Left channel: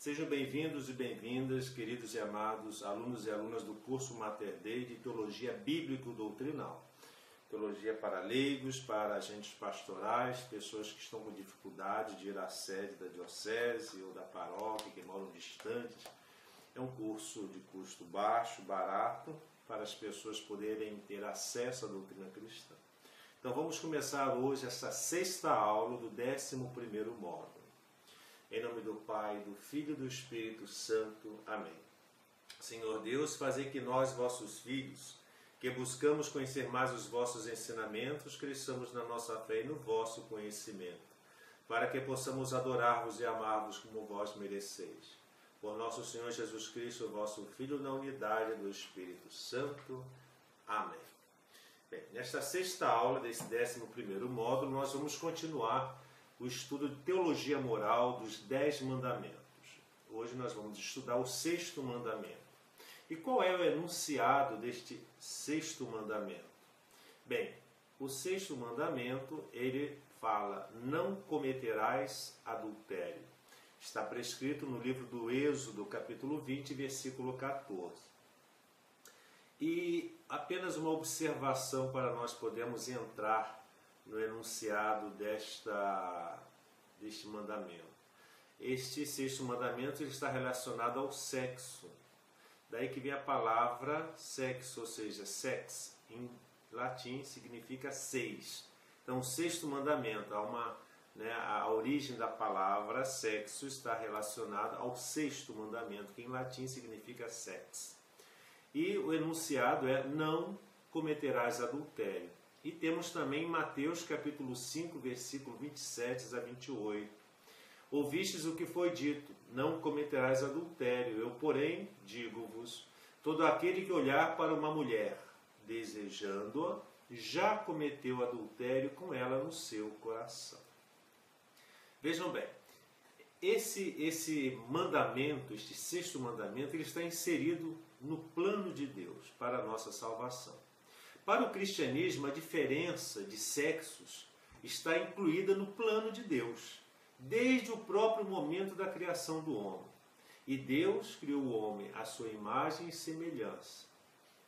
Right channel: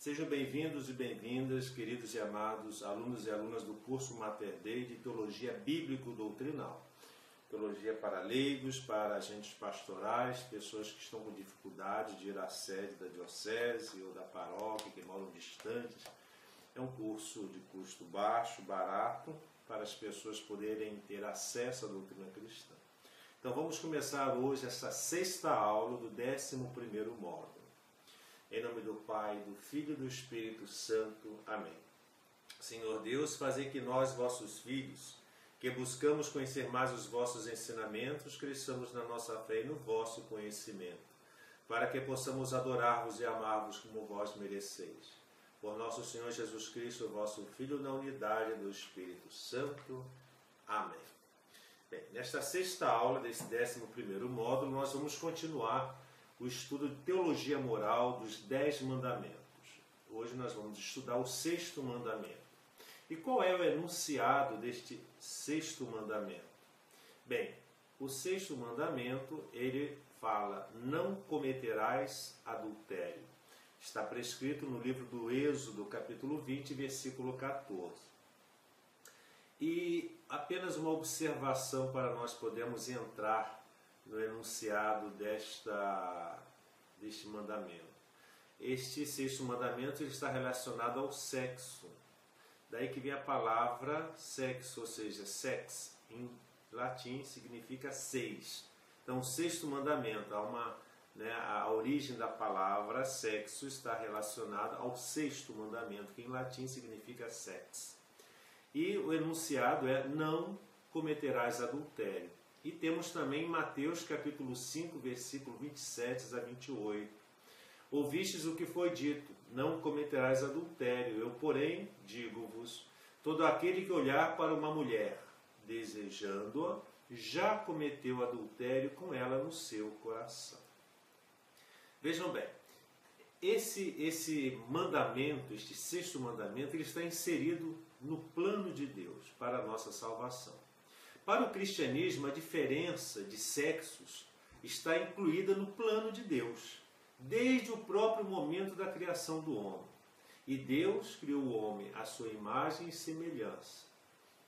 Sejam bem-vindos e bem-vindas, queridos e amados alunos e alunas do curso Mater Dei de Teologia Bíblico-Doutrinal. Teologia para leigos, para agentes pastorais, pessoas que estão com dificuldade de ir à sede da diocese ou da paróquia, que moram distantes. É um curso de custo baixo, barato, para as pessoas poderem ter acesso à doutrina cristã. Então vamos começar hoje essa sexta aula do 11º módulo. Em nome do Pai, do Filho e do Espírito Santo. Amém. Senhor Deus, fazei que nós, vossos filhos, que buscamos conhecer mais os vossos ensinamentos, cresçamos na nossa fé e no vosso conhecimento, para que possamos adorar-vos e amar-vos como vós mereceis. Por nosso Senhor Jesus Cristo, vosso Filho, na unidade do Espírito Santo. Amém. Bem, nesta sexta aula desse 11º módulo, nós vamos continuar o estudo de teologia moral dos 10 mandamentos. Hoje nós vamos estudar o 6º mandamento. E qual é o enunciado deste 6º mandamento? Bem, o 6º mandamento, ele fala: não cometerás adultério. Está prescrito no livro do Êxodo, capítulo 20, versículo 14. E apenas uma observação para nós podermos entrar no enunciado deste mandamento. Este 6º mandamento ele está relacionado ao sexo. Daí que vem a palavra sexo, ou seja, sex, em latim significa 6. Então, o 6º mandamento, a origem da palavra sexo está relacionada ao 6º mandamento, que em latim significa sex. E o enunciado é: não cometerás adultério. E temos também Mateus capítulo 5, versículo 27 a 28. Ouvistes o que foi dito: não cometerás adultério. Eu, porém, digo-vos, todo aquele que olhar para uma mulher, desejando-a, já cometeu adultério com ela no seu coração. Vejam bem, esse mandamento, este 6º mandamento, ele está inserido no plano de Deus para a nossa salvação. Para o cristianismo, a diferença de sexos está incluída no plano de Deus, desde o próprio momento da criação do homem. E Deus criou o homem à sua imagem e semelhança,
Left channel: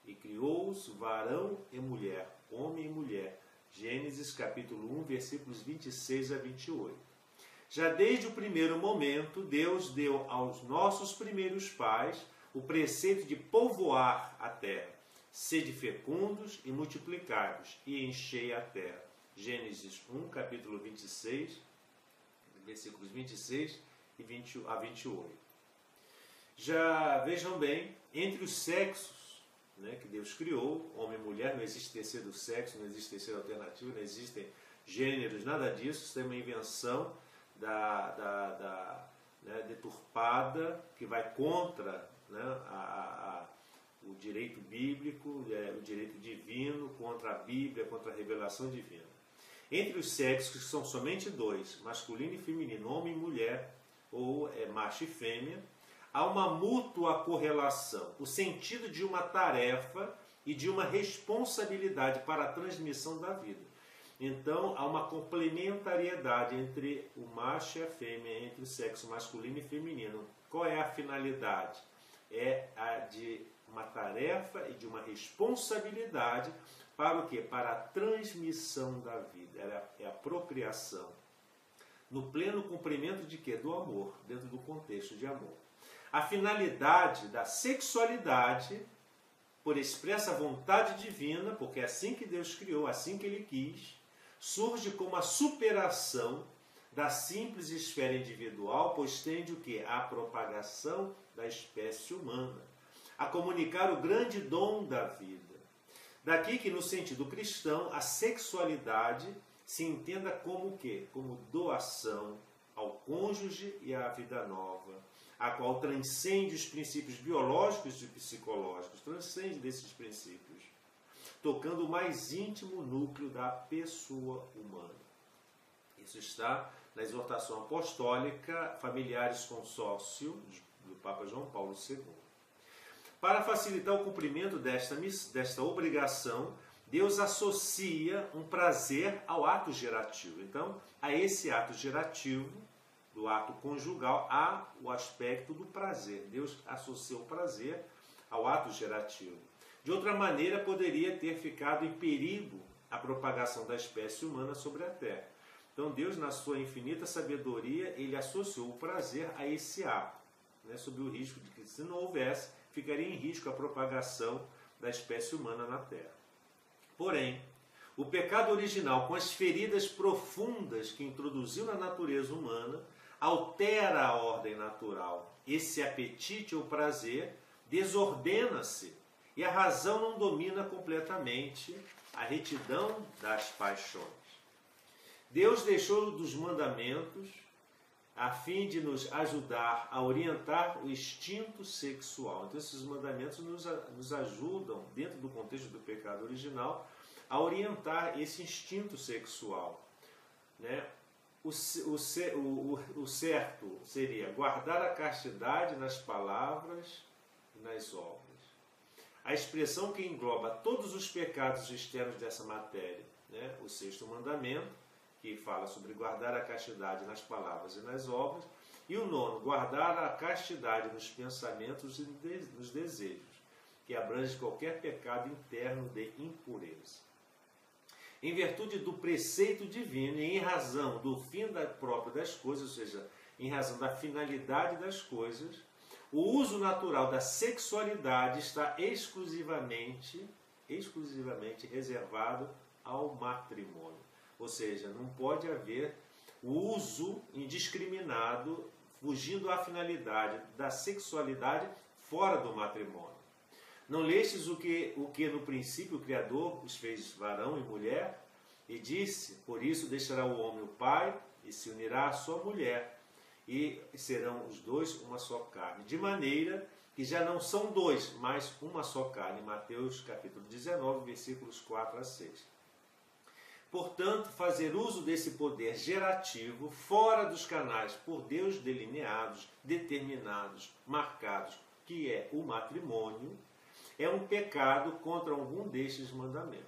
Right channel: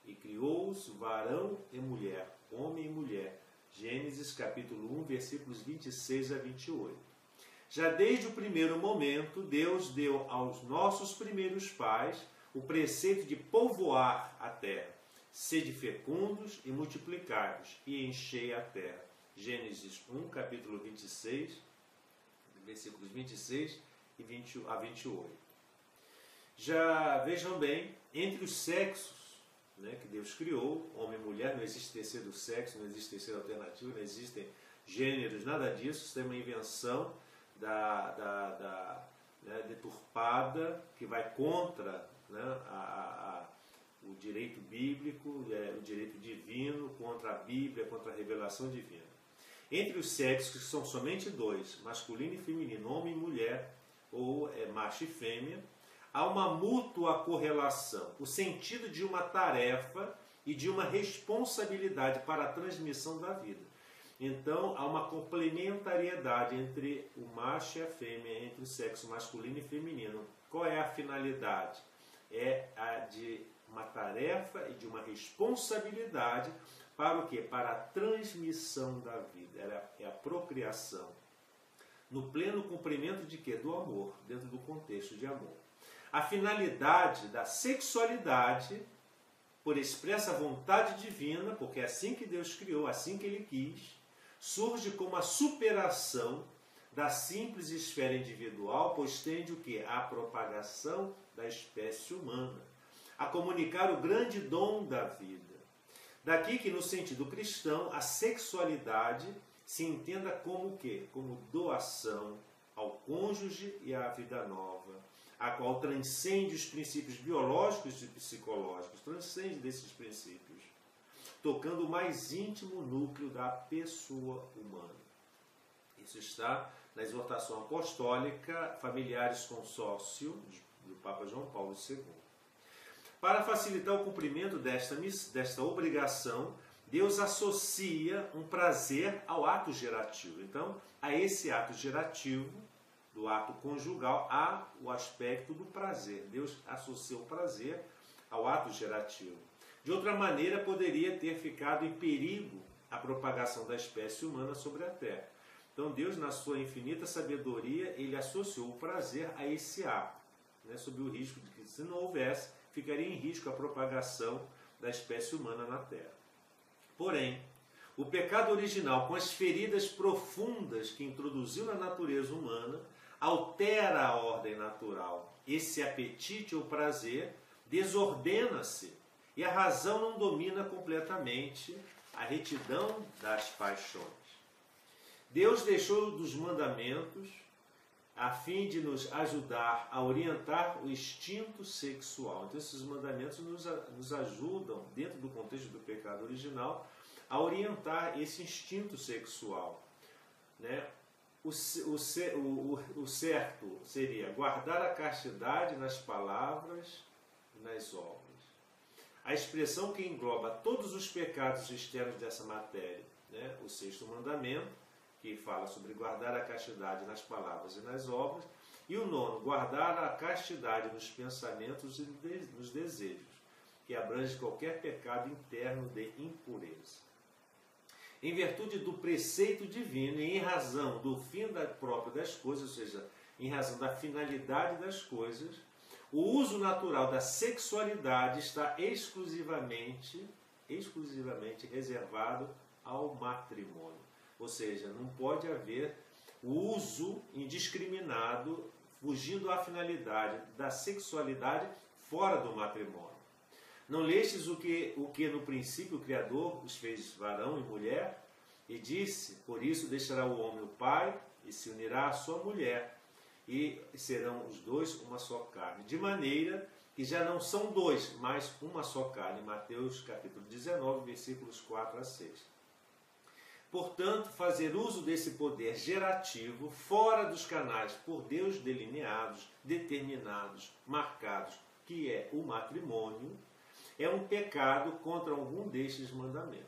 e criou-os varão e mulher, homem e mulher. Gênesis capítulo 1, versículos 26 a 28. Já desde o primeiro momento, Deus deu aos nossos primeiros pais o preceito de povoar a terra. Sede fecundos e multiplicai-vos, e enchei a terra. Gênesis 1, capítulo 26, versículos 26 a 28. Já vejam bem, entre os sexos que Deus criou, homem e mulher, não existe terceiro sexo, não existe terceira alternativa, não existem gêneros, nada disso. Isso é uma invenção deturpada, que vai contra o direito bíblico, o direito divino, contra a Bíblia, contra a revelação divina. Entre os sexos, que são somente dois, masculino e feminino, homem e mulher, ou macho e fêmea, há uma mútua correlação, o sentido de uma tarefa e de uma responsabilidade para a transmissão da vida. Então, há uma complementariedade entre o macho e a fêmea, entre o sexo masculino e feminino. Qual é a finalidade? É a de uma tarefa e de uma responsabilidade para o quê? Para a transmissão da vida. É a procriação. No pleno cumprimento de quê? Do amor, dentro do contexto de amor. A finalidade da sexualidade, por expressa vontade divina, porque é assim que Deus criou, assim que Ele quis, surge como a superação da simples esfera individual, pois tende o quê? A propagação da espécie humana, a comunicar o grande dom da vida. Daqui que, no sentido cristão, a sexualidade se entenda como o quê? Como doação ao cônjuge e à vida nova, a qual transcende os princípios biológicos e psicológicos, transcende desses princípios, tocando o mais íntimo núcleo da pessoa humana. Isso está na exortação apostólica Familiares Consórcio, do Papa João Paulo II. Para facilitar o cumprimento desta obrigação, Deus associa um prazer ao ato gerativo. Então, a esse ato gerativo do ato conjugal há o aspecto do prazer. Deus associa o prazer ao ato gerativo. De outra maneira, poderia ter ficado em perigo a propagação da espécie humana sobre a Terra. Então Deus, na sua infinita sabedoria, ele associou o prazer a esse ato, né, sob o risco de que, se não houvesse, ficaria em risco a propagação da espécie humana na Terra. Porém, o pecado original, com as feridas profundas que introduziu na natureza humana, altera a ordem natural. Esse apetite ou prazer desordena-se e a razão não domina completamente a retidão das paixões. Deus deixou dos mandamentos a fim de nos ajudar a orientar o instinto sexual. Então, esses mandamentos nos ajudam, dentro do contexto do pecado original, a orientar esse instinto sexual, né? O certo seria guardar a castidade nas palavras e nas obras. A expressão que engloba todos os pecados externos dessa matéria, né? O sexto mandamento, que fala sobre guardar a castidade nas palavras e nas obras, e o nono, guardar a castidade nos pensamentos e nos desejos, que abrange qualquer pecado interno de impureza. Em virtude do preceito divino e em razão do fim próprio das coisas, ou seja, em razão da finalidade das coisas, o uso natural da sexualidade está exclusivamente reservado ao matrimônio. Ou seja, não pode haver o uso indiscriminado, fugindo à finalidade da sexualidade fora do matrimônio. Não lestes o que no princípio o Criador os fez varão e mulher? E disse, por isso deixará o homem o pai e se unirá à sua mulher, e serão os dois uma só carne. De maneira que já não são dois, mas uma só carne. Mateus capítulo 19, versículos 4 a 6. Portanto, fazer uso desse poder gerativo fora dos canais por Deus delineados, determinados, marcados, que é o matrimônio, é um pecado contra algum destes mandamentos.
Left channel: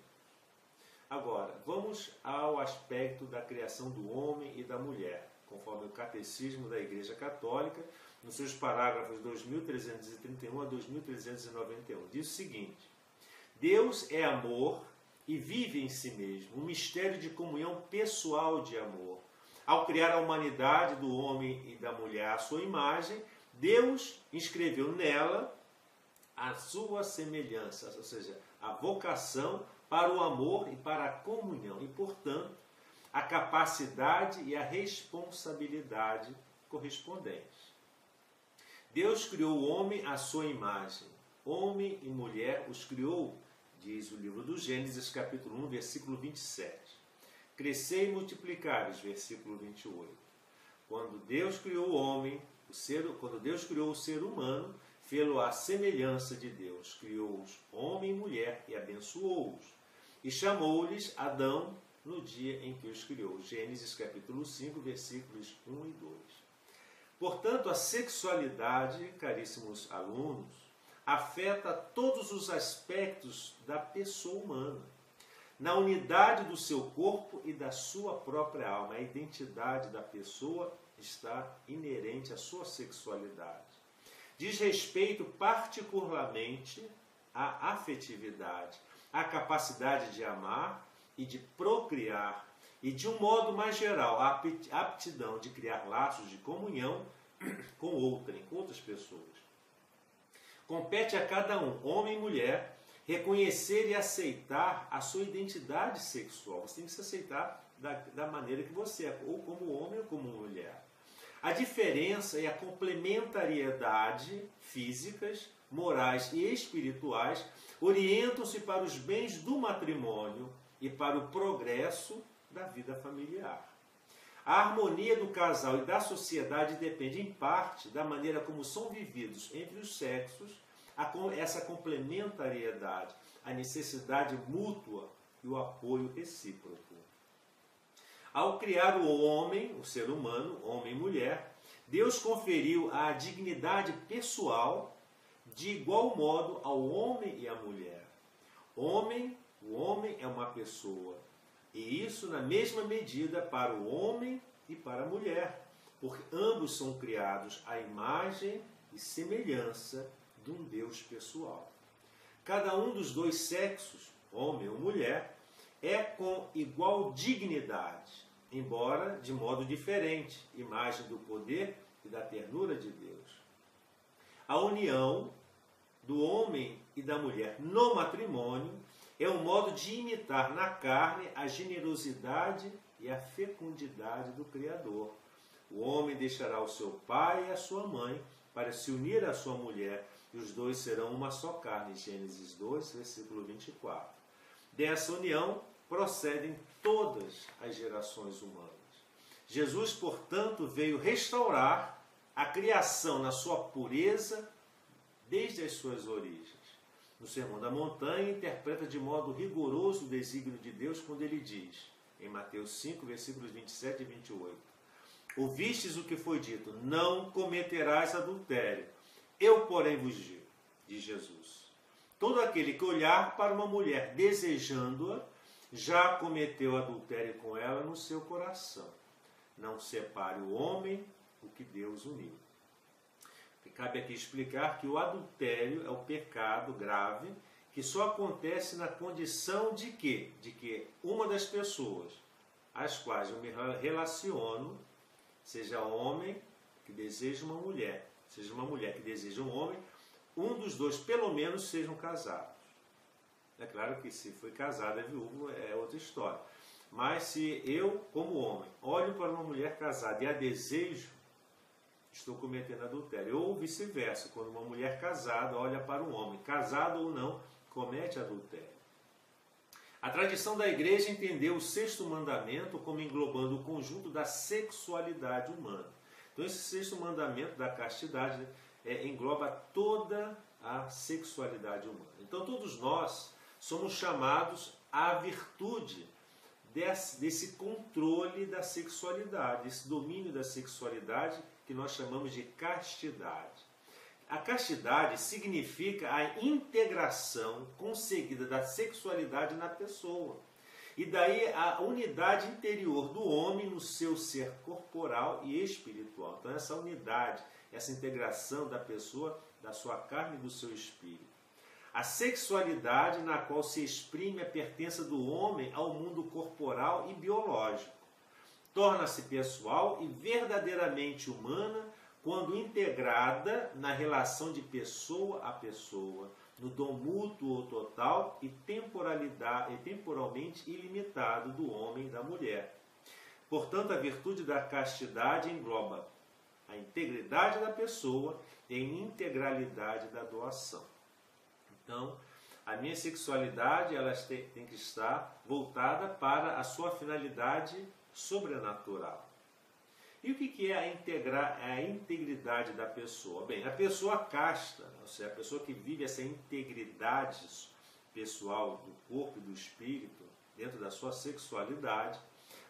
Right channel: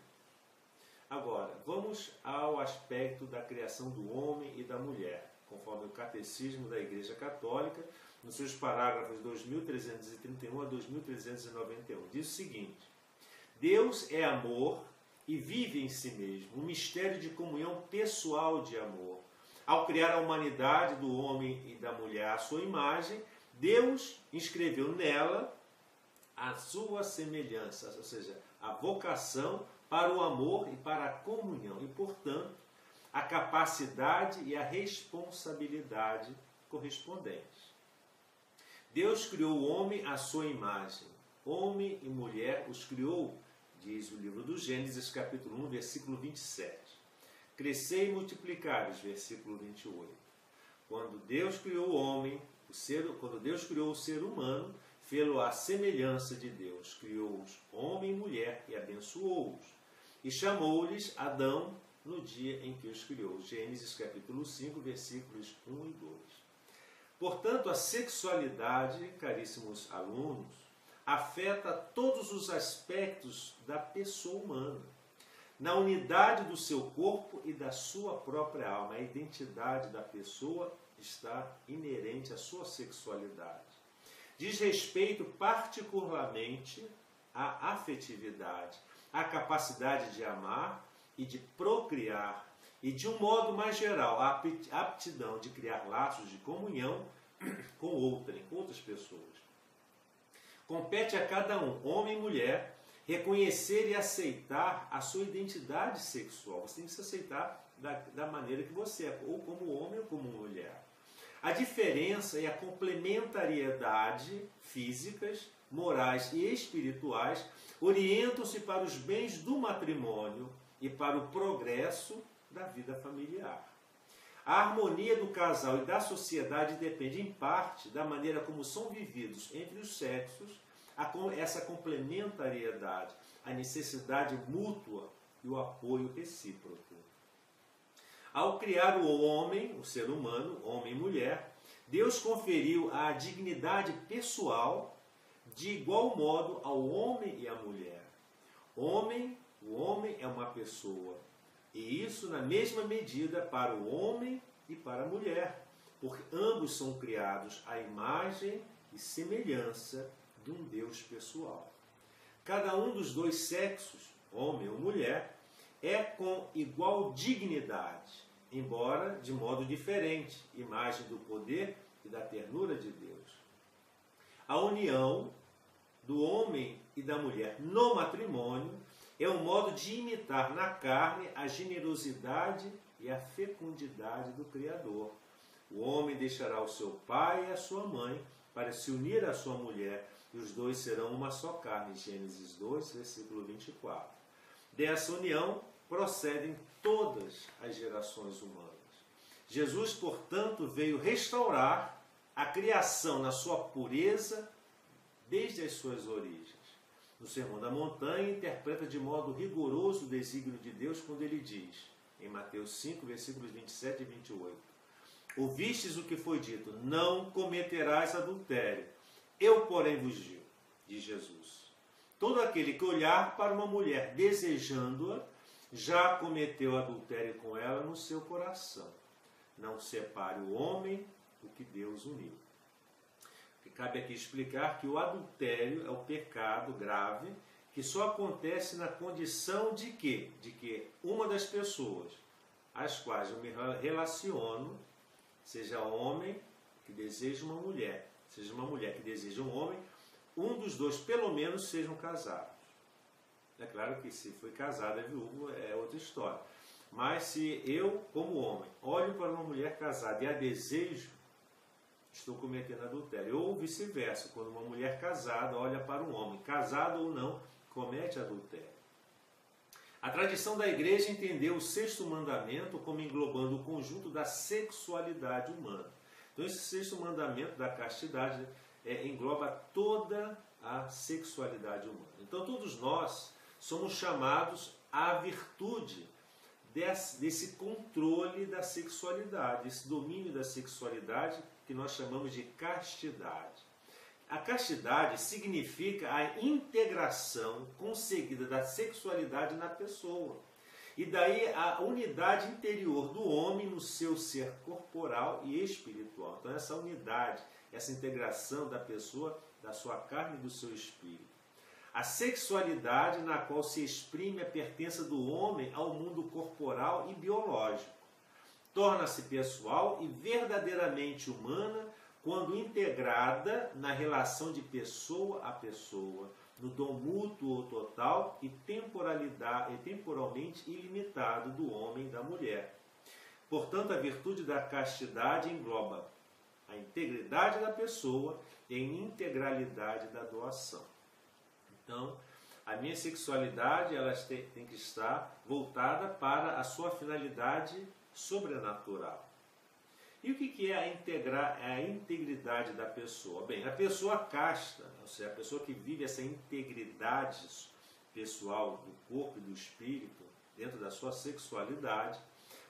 Agora, vamos ao aspecto da criação do homem e da mulher, conforme o Catecismo da Igreja Católica, nos seus parágrafos 2331 a 2391. Diz o seguinte: Deus é amor e vive em si mesmo, um mistério de comunhão pessoal de amor. Ao criar a humanidade do homem e da mulher à sua imagem, Deus inscreveu nela a sua semelhança, ou seja, a vocação para o amor e para a comunhão, e, portanto, a capacidade e a responsabilidade correspondentes. Deus criou o homem à sua imagem. Homem e mulher os criou, diz o livro do Gênesis, capítulo 1, versículo 27. Crescei e multiplicai-vos, versículo 28. Quando Deus criou o homem, quando Deus criou o ser humano, fê-lo à semelhança de Deus, criou-os homem e mulher e abençoou-os, e chamou-lhes Adão no dia em que os criou. Gênesis capítulo 5, versículos 1 e 2. Portanto, a sexualidade, caríssimos alunos, afeta todos os aspectos da pessoa humana, na unidade do seu corpo e da sua própria alma. A identidade da pessoa está inerente à sua sexualidade. Diz respeito particularmente à afetividade, à capacidade de amar e de procriar, e de um modo mais geral, a aptidão de criar laços de comunhão com outras pessoas. Compete a cada um, homem e mulher, reconhecer e aceitar a sua identidade sexual. Você tem que se aceitar da maneira que você é, ou como homem ou como mulher. A diferença e a complementariedade físicas, morais e espirituais orientam-se para os bens do matrimônio e para o progresso da vida familiar. A harmonia do casal e da sociedade depende, em parte, da maneira como são vividos entre os sexos essa complementariedade, a necessidade mútua e o apoio recíproco. Ao criar o homem, o ser humano, homem e mulher, Deus conferiu a dignidade pessoal de igual modo ao homem e à mulher. O homem é uma pessoa, e isso na mesma medida para o homem e para a mulher, porque ambos são criados à imagem e semelhança de um Deus pessoal. Cada um dos dois sexos, homem ou mulher, é com igual dignidade, embora de modo diferente, imagem do poder e da ternura de Deus. A união do homem e da mulher no matrimônio é um modo de imitar na carne a generosidade e a fecundidade do Criador. O homem deixará o seu pai e a sua mãe para se unir à sua mulher, e os dois serão uma só carne. Gênesis 2, versículo 24. Dessa união procedem todas as gerações humanas. Jesus, portanto, veio restaurar a criação na sua pureza desde as suas origens. No Sermão da Montanha, interpreta de modo rigoroso o desígnio de Deus quando ele diz, em Mateus 5, versículos 27 e 28, ouvistes o que foi dito, não cometerás adultério. Eu, porém, vos digo, diz Jesus, todo aquele que olhar para uma mulher desejando-a, já cometeu adultério com ela no seu coração. Não separe o homem o que Deus uniu. Cabe aqui explicar que o adultério é o pecado grave que só acontece na condição de quê? De que uma das pessoas às quais eu me relaciono, seja homem que deseja uma mulher, seja uma mulher que deseja um homem, um dos dois pelo menos sejam casados. É claro que se foi casado, é viúvo, é outra história. Mas se eu, como homem, olho para uma mulher casada e a desejo, estou cometendo adultério. Ou vice-versa, quando uma mulher casada olha para um homem, casado ou não, comete adultério. A tradição da igreja entendeu o sexto mandamento como englobando o conjunto da sexualidade humana. Então esse sexto mandamento da castidade engloba toda a sexualidade humana. Então todos nós somos chamados à virtude desse controle da sexualidade, esse domínio da sexualidade que nós chamamos de castidade. A castidade significa a integração conseguida da sexualidade na pessoa. E daí a unidade interior do homem no seu ser corporal e espiritual. Então essa unidade, essa integração da pessoa, da sua carne e do seu espírito. A sexualidade na qual se exprime a pertença do homem ao mundo corporal e biológico. Torna-se pessoal e verdadeiramente humana quando integrada na relação de pessoa a pessoa, no dom mútuo ou total e temporalmente ilimitado do homem e da mulher. Portanto, a virtude da castidade engloba a integridade da pessoa e a integralidade da doação. Então, a minha sexualidade ela tem que estar voltada para a sua finalidade sobrenatural. E o que é a integridade da pessoa? Bem, a pessoa casta, ou seja, a pessoa que vive essa integridade pessoal do corpo e do espírito, dentro da sua sexualidade,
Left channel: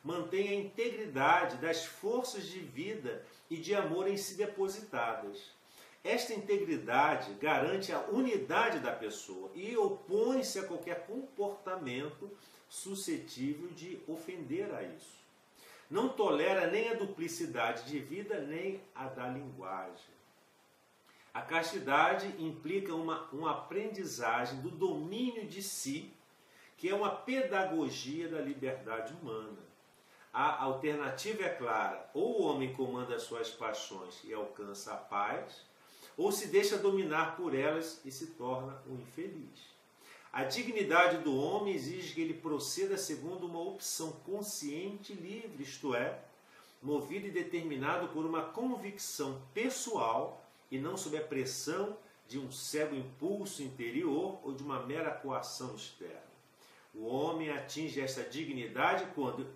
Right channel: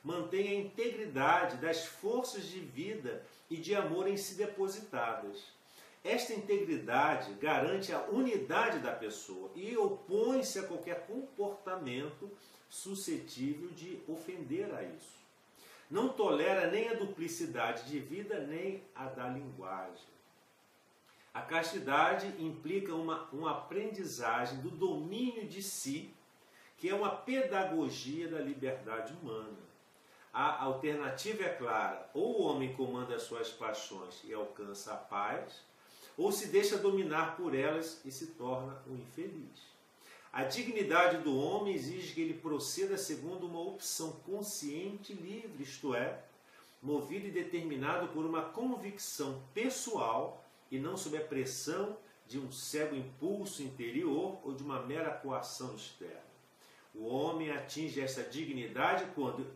mantém a integridade das forças de vida e de amor em si depositadas. Esta integridade garante a unidade da pessoa e opõe-se a qualquer comportamento suscetível de ofender a isso. Não tolera nem a duplicidade de vida, nem a da linguagem. A castidade implica uma aprendizagem do domínio de si, que é uma pedagogia da liberdade humana. A alternativa é clara: ou o homem comanda as suas paixões e alcança a paz, ou se deixa dominar por elas e se torna um infeliz. A dignidade do homem exige que ele proceda segundo uma opção consciente e livre, isto é, movido e determinado por uma convicção pessoal e não sob a pressão de um cego impulso interior ou de uma mera coação externa. O homem atinge esta dignidade quando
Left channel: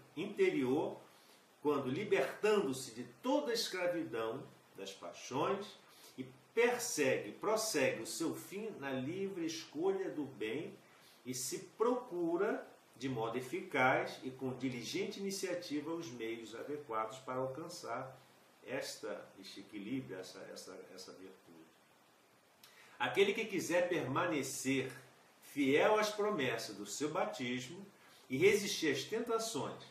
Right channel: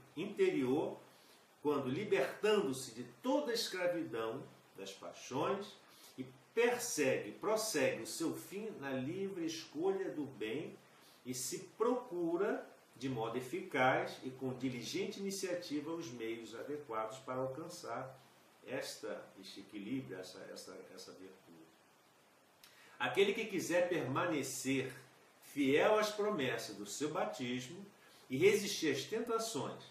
libertando-se de toda a escravidão das paixões, prossegue o seu fim na livre escolha do bem e se procura, de modo eficaz e com diligente iniciativa, os meios adequados para alcançar este equilíbrio, essa virtude. Aquele que quiser permanecer fiel às promessas do seu batismo e resistir às tentações,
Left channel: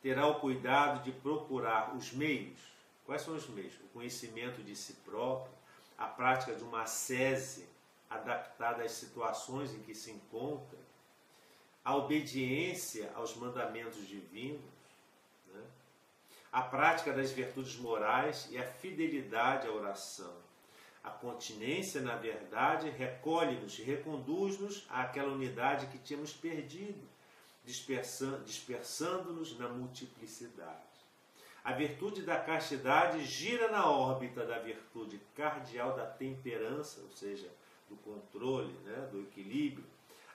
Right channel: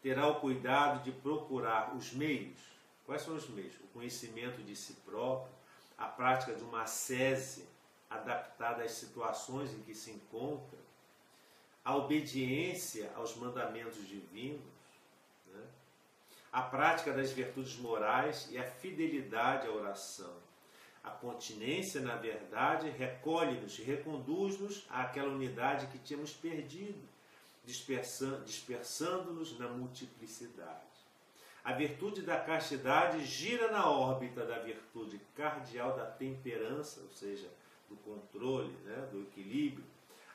terá o cuidado de procurar os meios Quais são os meios? O conhecimento de si próprio, a prática de uma ascese adaptada às situações em que se encontra, a obediência aos mandamentos divinos, né? A prática das virtudes morais e a fidelidade à oração. A continência, na verdade, recolhe-nos e reconduz-nos àquela unidade que tínhamos perdido, dispersando-nos na multiplicidade. A virtude da castidade gira na órbita da virtude cardial da temperança, ou seja, do controle, né, do equilíbrio,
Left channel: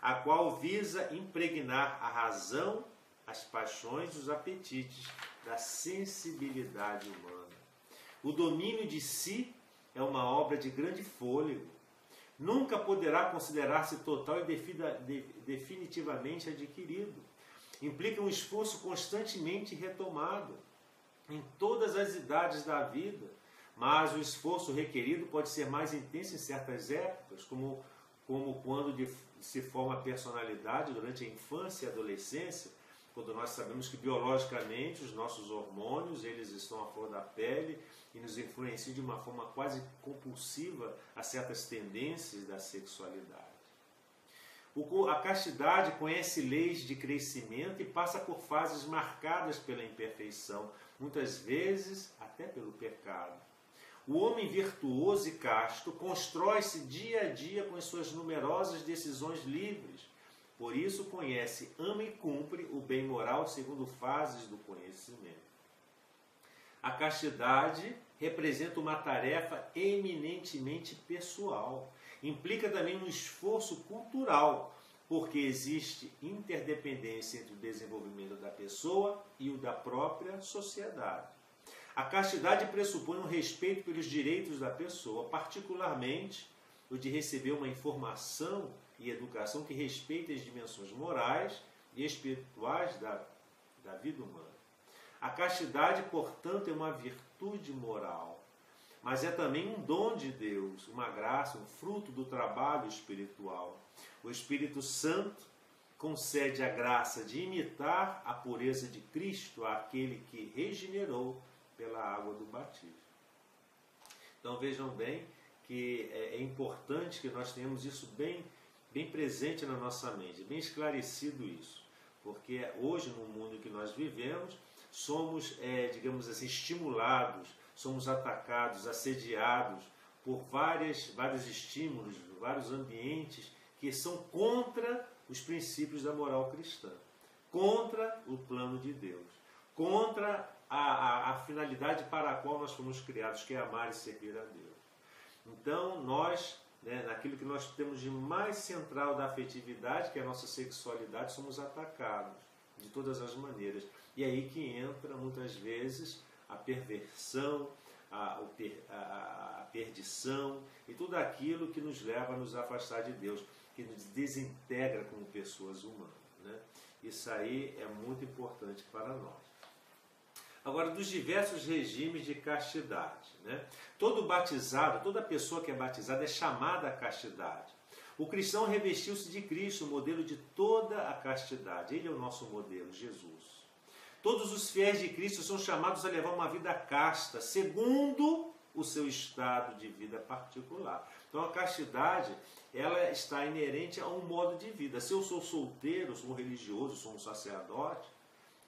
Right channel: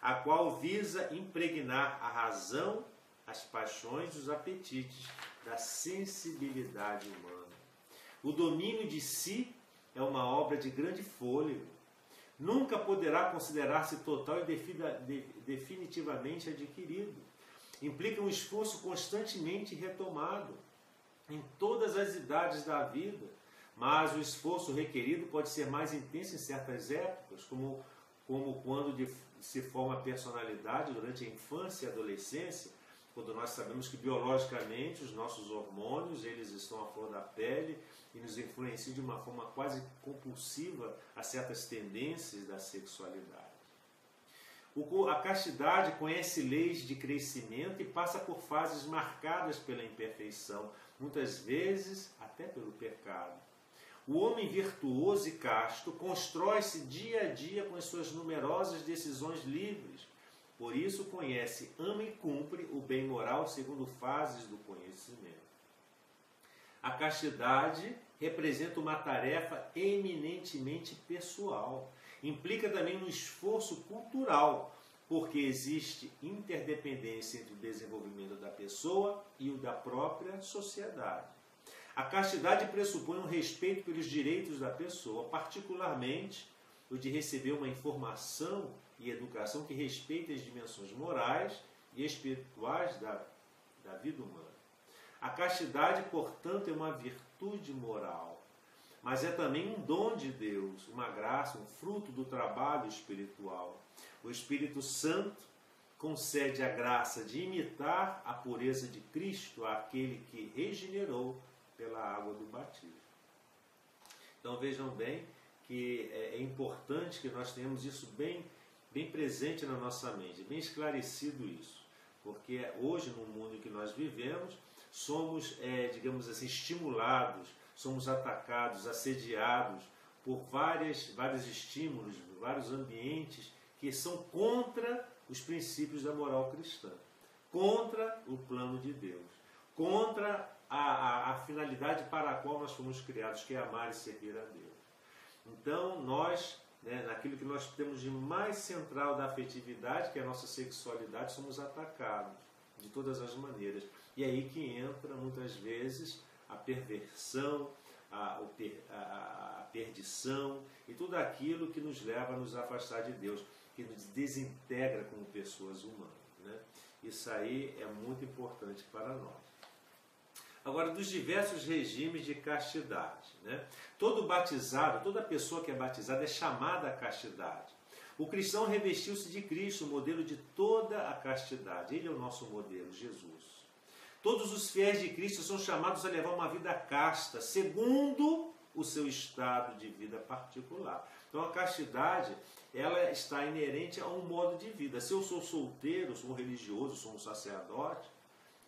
a qual visa impregnar a razão, as paixões e os apetites da sensibilidade humana. O domínio de si é uma obra de grande fôlego. Nunca poderá considerar-se total e definitivamente adquirido. Implica um esforço constantemente retomado em todas as idades da vida, mas o esforço requerido pode ser mais intenso em certas épocas, como quando se forma a personalidade durante a infância e a adolescência, quando nós sabemos que biologicamente os nossos hormônios eles estão à flor da pele e nos influenciam de uma forma quase compulsiva a certas tendências da sexualidade. A castidade conhece leis de crescimento e passa por fases marcadas pela imperfeição, muitas vezes até pelo pecado. O homem virtuoso e casto constrói-se dia a dia com as suas numerosas decisões livres. Por isso conhece, ama e cumpre o bem moral segundo fases do conhecimento. A castidade representa uma tarefa eminentemente pessoal. Implica também um esforço cultural, porque existe interdependência entre o desenvolvimento da pessoa e o da própria sociedade. A castidade pressupõe um respeito pelos direitos da pessoa, particularmente o de receber uma informação e educação que respeite as dimensões morais e espirituais da vida humana. A castidade, portanto, é uma virtude moral, mas é também um dom de Deus, uma graça, um fruto do trabalho espiritual. O Espírito Santo concede a graça de imitar a pureza de Cristo àquele que regenerou pela água do batismo. Então vejam bem que é importante que nós tenhamos isso bem presente na nossa mente, bem esclarecido isso, porque hoje no mundo que nós vivemos somos, digamos assim, estimulados, somos atacados, assediados por vários estímulos, vários ambientes que são contra os princípios da moral cristã, contra o plano de Deus, contra a finalidade para a qual nós fomos criados, que é amar e servir a Deus. Então, nós, naquilo que nós temos de mais central da afetividade, que é a nossa sexualidade, somos atacados de todas as maneiras. E é aí que entra, muitas vezes, a perversão, a perdição e tudo aquilo que nos leva a nos afastar de Deus, que nos desintegra como pessoas humanas, né? Isso aí é muito importante para nós. Agora, dos diversos regimes de castidade, né? Todo batizado, toda pessoa que é batizada é chamada à castidade. O cristão revestiu-se de Cristo, o modelo de toda a castidade. Ele é o nosso modelo, Jesus. Todos os fiéis de Cristo são chamados a levar uma vida casta, segundo o seu estado de vida particular. Então a castidade, ela está inerente a um modo de vida. Se eu sou solteiro, sou um religioso, sou um sacerdote,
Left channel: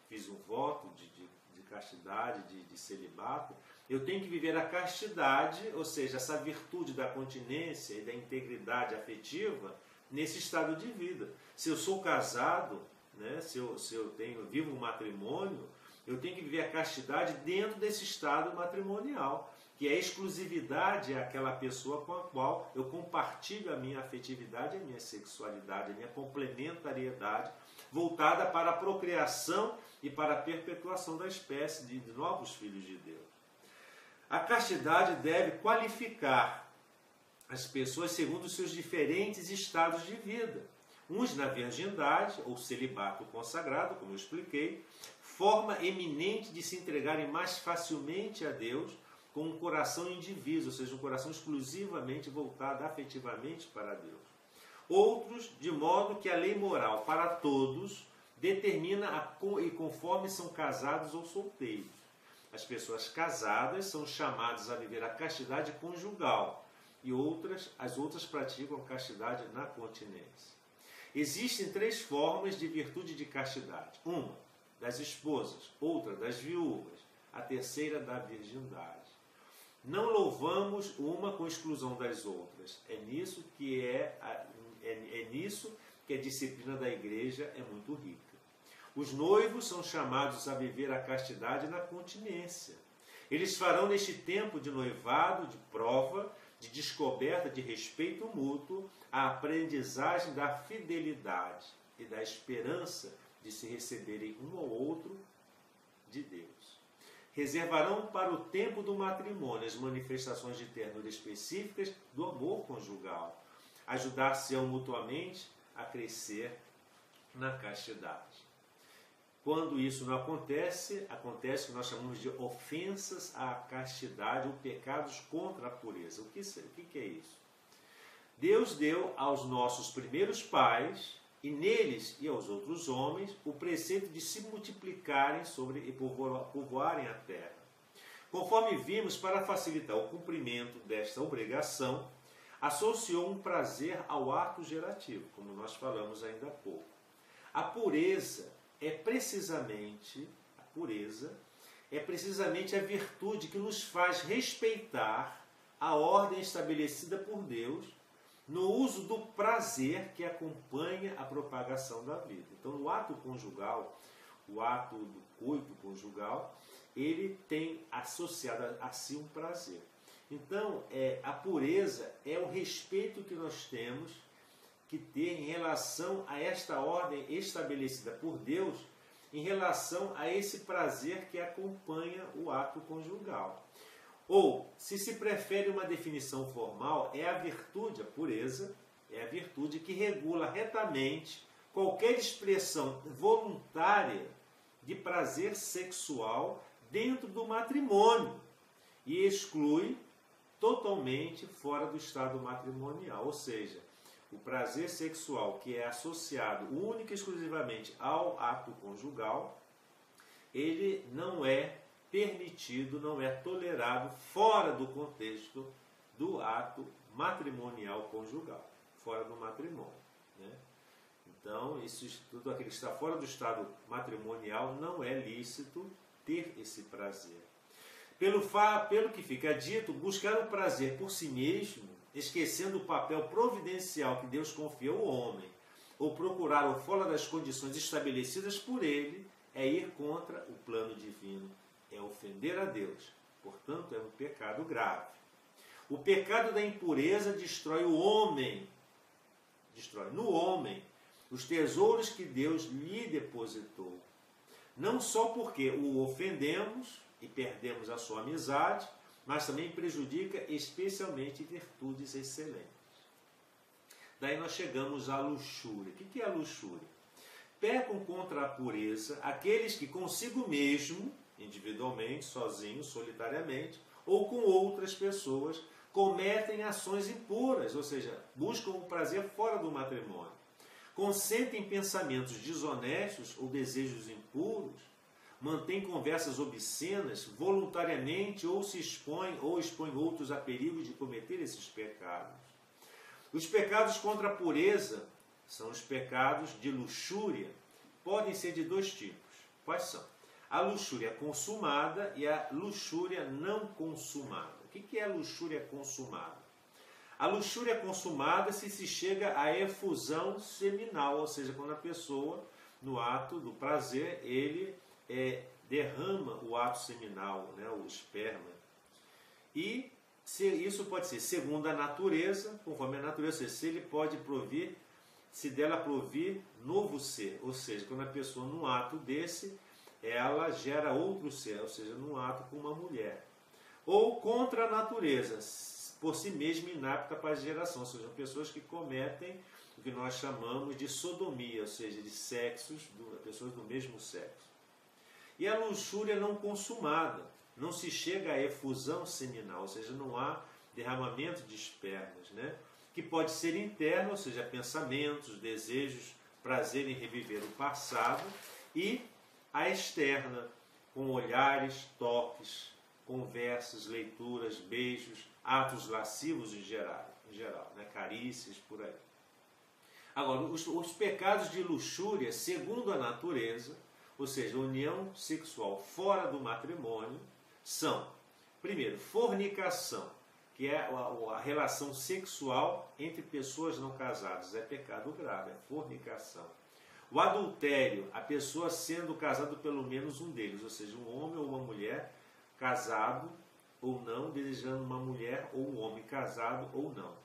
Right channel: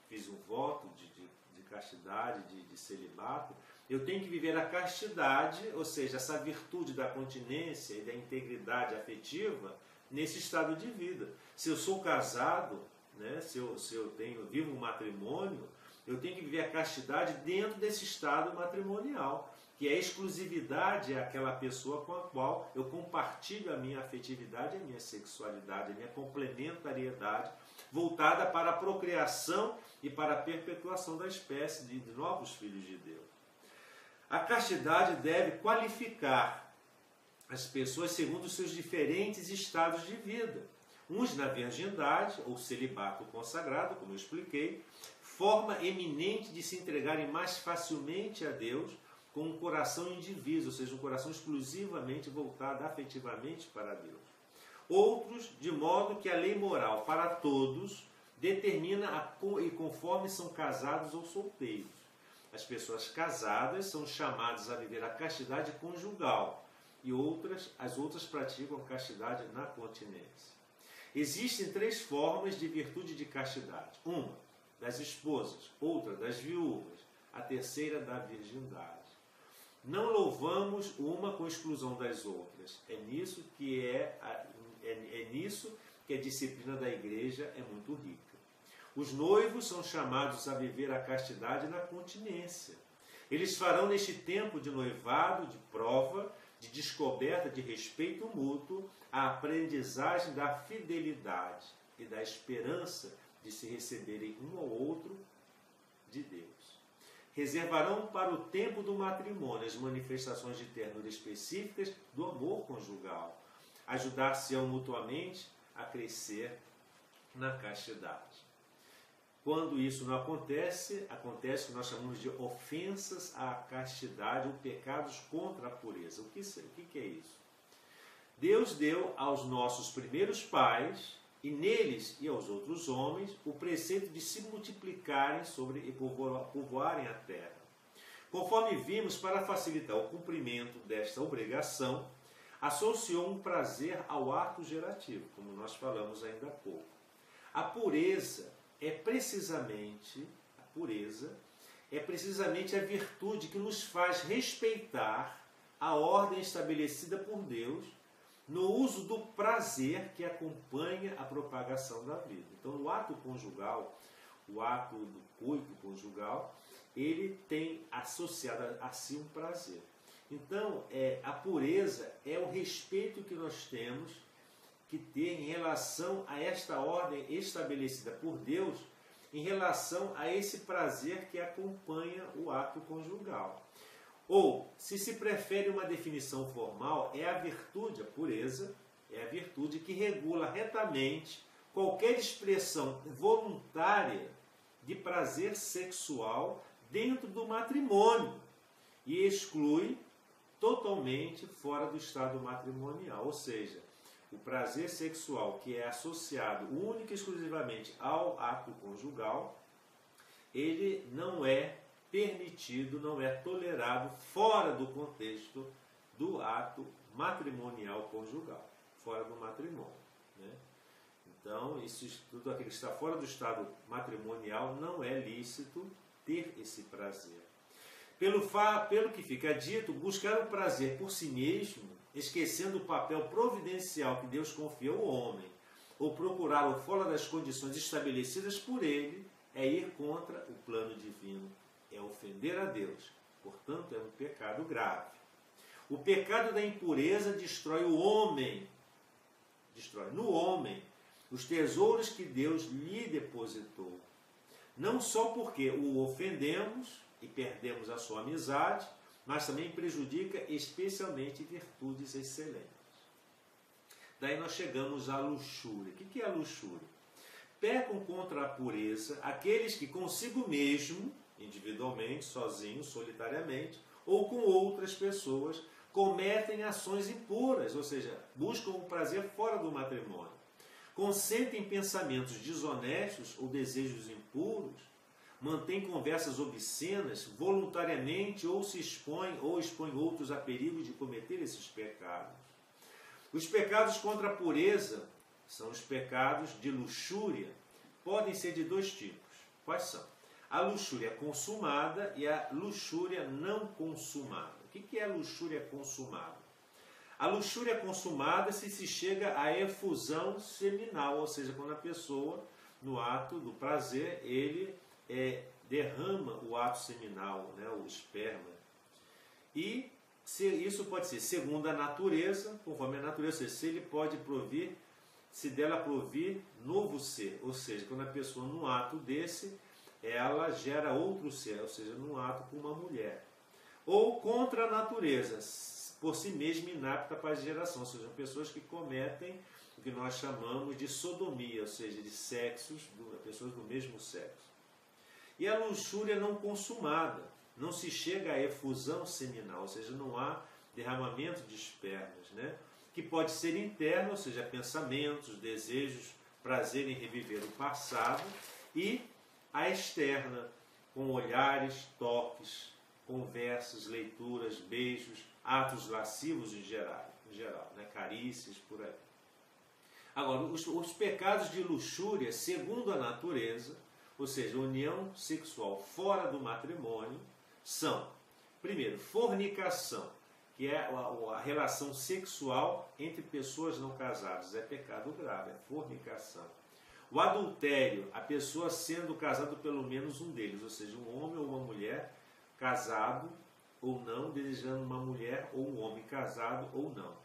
fiz um voto de castidade, de celibato, eu tenho que viver a castidade, ou seja, essa virtude da continência e da integridade afetiva nesse estado de vida. Se eu sou casado, né, se eu vivo um matrimônio, eu tenho que viver a castidade dentro desse estado matrimonial, que é a exclusividade àquela pessoa com a qual eu compartilho a minha afetividade, a minha sexualidade, a minha complementariedade, voltada para a procriação e para a perpetuação da espécie de novos filhos de Deus. A castidade deve qualificar as pessoas segundo os seus diferentes estados de vida. Uns na virgindade, ou celibato consagrado, como eu expliquei, forma eminente de se entregarem mais facilmente a Deus com um coração indiviso, ou seja, um coração exclusivamente voltado afetivamente para Deus. Outros, de modo que a lei moral para todos determina e conforme são casados ou solteiros. as pessoas casadas são chamadas a viver a castidade conjugal e as outras praticam a castidade na continência. Existem 3 formas de virtude de castidade. Uma, das esposas, outra, das viúvas, a terceira, da virgindade. Não louvamos uma com exclusão das outras. É nisso que a disciplina da igreja é muito rica. Os noivos são chamados a viver a castidade na continência. Eles farão neste tempo de noivado, de prova, de descoberta, de respeito mútuo, a aprendizagem da fidelidade e da esperança de se receberem um ao outro de Deus. Reservarão para o tempo do matrimônio as manifestações de ternura específicas do amor conjugal. Ajudar-se-ão mutuamente a crescer na castidade. Quando isso não acontece, acontece o que nós chamamos de ofensas à castidade ou pecados contra a pureza. O que é isso? Deus deu aos nossos primeiros pais, e neles e aos outros homens, o preceito de se multiplicarem e povoarem a terra. Conforme vimos, para facilitar o cumprimento desta obrigação, associou um prazer ao ato gerativo, como nós falamos ainda há pouco. A pureza é precisamente a virtude que nos faz respeitar a ordem estabelecida por Deus no uso do prazer que acompanha a propagação da vida. Então, o ato conjugal, o ato do coito conjugal, ele tem associado a si um prazer. Então, a pureza é o respeito que nós temos que ter em relação a esta ordem estabelecida por Deus, em relação a esse prazer que acompanha o ato conjugal. Ou, se prefere uma definição formal, é a virtude, a pureza, é a virtude que regula retamente qualquer expressão voluntária de prazer sexual dentro do matrimônio e exclui totalmente fora do estado matrimonial. Ou seja, o prazer sexual que é associado única e exclusivamente ao ato conjugal, ele não é permitido, não é tolerado fora do contexto do ato matrimonial conjugal, fora do matrimônio, né? Então, tudo aquilo que está fora do estado matrimonial não é lícito ter esse prazer. Pelo que fica dito, buscar o prazer por si mesmo, esquecendo o papel providencial que Deus confiou ao homem, ou procurar o fora das condições estabelecidas por ele, é ir contra o plano divino. É ofender a Deus, portanto é um pecado grave. O pecado da impureza destrói o homem, destrói no homem os tesouros que Deus lhe depositou. Não só porque o ofendemos e perdemos a sua amizade, mas também prejudica especialmente virtudes excelentes. Daí nós chegamos à luxúria. O que é a luxúria? Pecam contra a pureza aqueles que consigo mesmo, individualmente, sozinhos, solitariamente, ou com outras pessoas, cometem ações impuras, ou seja, buscam o prazer fora do matrimônio. Consentem pensamentos desonestos ou desejos impuros, mantêm conversas obscenas voluntariamente ou expõem outros a perigo de cometer esses pecados. Os pecados contra a pureza são os pecados de luxúria. Podem ser de 2 tipos. Quais são? A luxúria consumada e a luxúria não consumada. O que é a luxúria consumada? A luxúria consumada se chega à efusão seminal, ou seja, quando a pessoa, no ato do prazer, ele derrama o ato seminal, né, o esperma. E isso pode ser segundo a natureza, conforme a natureza, se ele pode provir, se dela provir novo ser, ou seja, quando a pessoa, num ato desse, ela gera outro ser, ou seja, num ato com uma mulher. Ou contra a natureza, por si mesma inapta para a geração, ou seja, pessoas que cometem o que nós chamamos de sodomia, ou seja, de pessoas do mesmo sexo. E a luxúria não consumada, não se chega à efusão seminal, ou seja, não há derramamento de espermas, né? Que pode ser interno, ou seja, pensamentos, desejos, prazer em reviver o passado, e a externa, com olhares, toques, conversas, leituras, beijos, atos lascivos em geral, né? Carícias, por aí. Agora, os pecados de luxúria, segundo a natureza, ou seja, união sexual fora do matrimônio, são, primeiro, fornicação, que é a relação sexual entre pessoas não casadas. É pecado grave, é fornicação. O adultério, a pessoa sendo casado pelo menos um deles, ou seja, um homem ou uma mulher casado ou não, desejando uma mulher ou um homem casado ou não.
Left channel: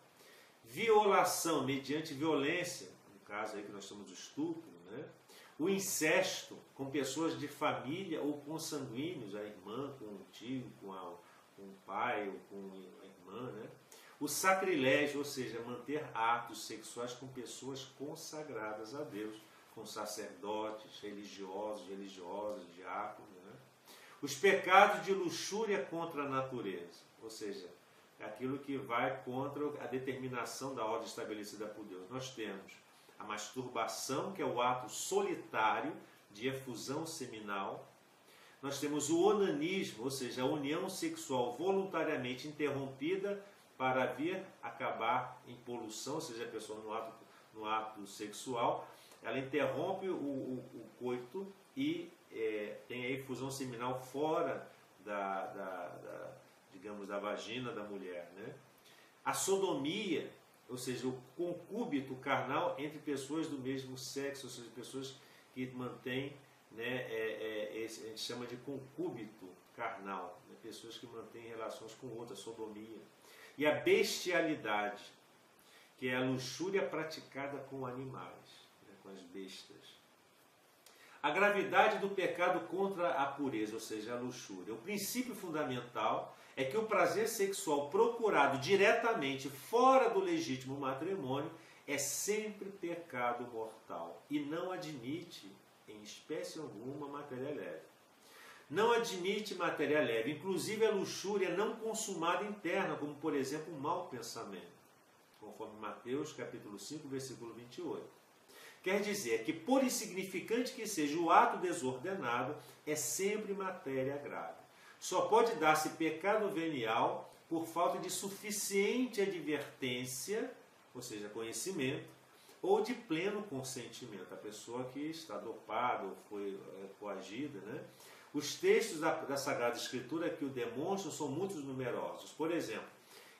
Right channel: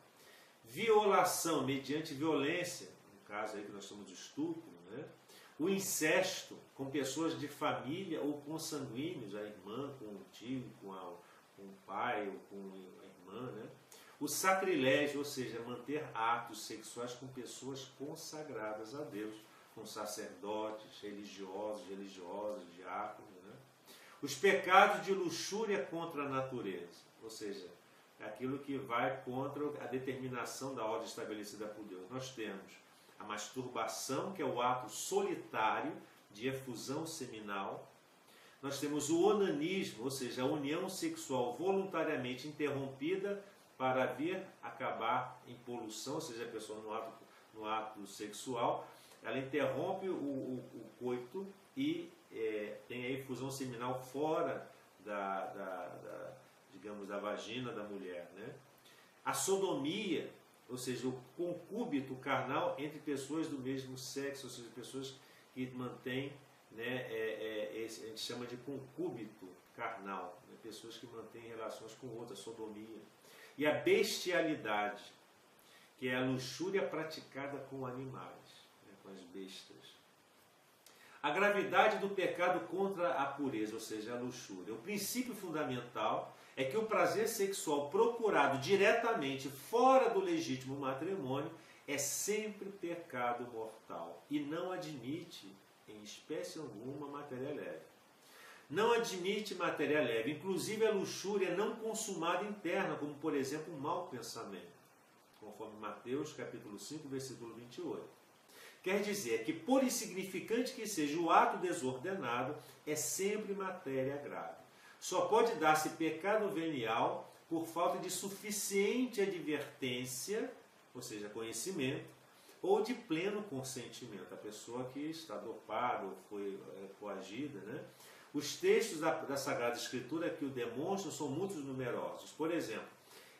Violação mediante violência, no caso aí que nós chamamos de estupro, né? O incesto com pessoas de família ou consanguíneos, a irmã com o tio, com o pai ou com a irmã, né? O sacrilégio, ou seja, manter atos sexuais com pessoas consagradas a Deus, com sacerdotes, religiosos, religiosas, diáconos, né? Os pecados de luxúria contra a natureza, ou seja, aquilo que vai contra a determinação da ordem estabelecida por Deus. Nós temos a masturbação, que é o ato solitário de efusão seminal. Nós temos o onanismo, ou seja, a união sexual voluntariamente interrompida para vir acabar em poluição, ou seja, a pessoa no ato sexual, ela interrompe o coito e tem a efusão seminal fora digamos, da vagina da mulher, né? A sodomia, ou seja, o concúbito carnal entre pessoas do mesmo sexo, ou seja, pessoas que mantêm, né, a gente chama de concúbito carnal, né? Pessoas que mantêm relações com outras, sodomia. E a bestialidade, que é a luxúria praticada com animais, né, com as bestas. A gravidade do pecado contra a pureza, ou seja, a luxúria. O princípio fundamental é que o prazer sexual procurado diretamente fora do legítimo matrimônio é sempre pecado mortal e não admite, em espécie alguma, matéria leve. Não admite matéria leve, inclusive a luxúria não consumada interna, como, por exemplo, um mau pensamento, conforme Mateus, capítulo 5, versículo 28. Quer dizer que, por insignificante que seja o ato desordenado, é sempre matéria grave. Só pode dar-se pecado venial por falta de suficiente advertência, ou seja, conhecimento, ou de pleno consentimento. A pessoa que está dopada ou foi coagida, né? Os textos da Sagrada Escritura que o demonstram são muito numerosos. Por exemplo,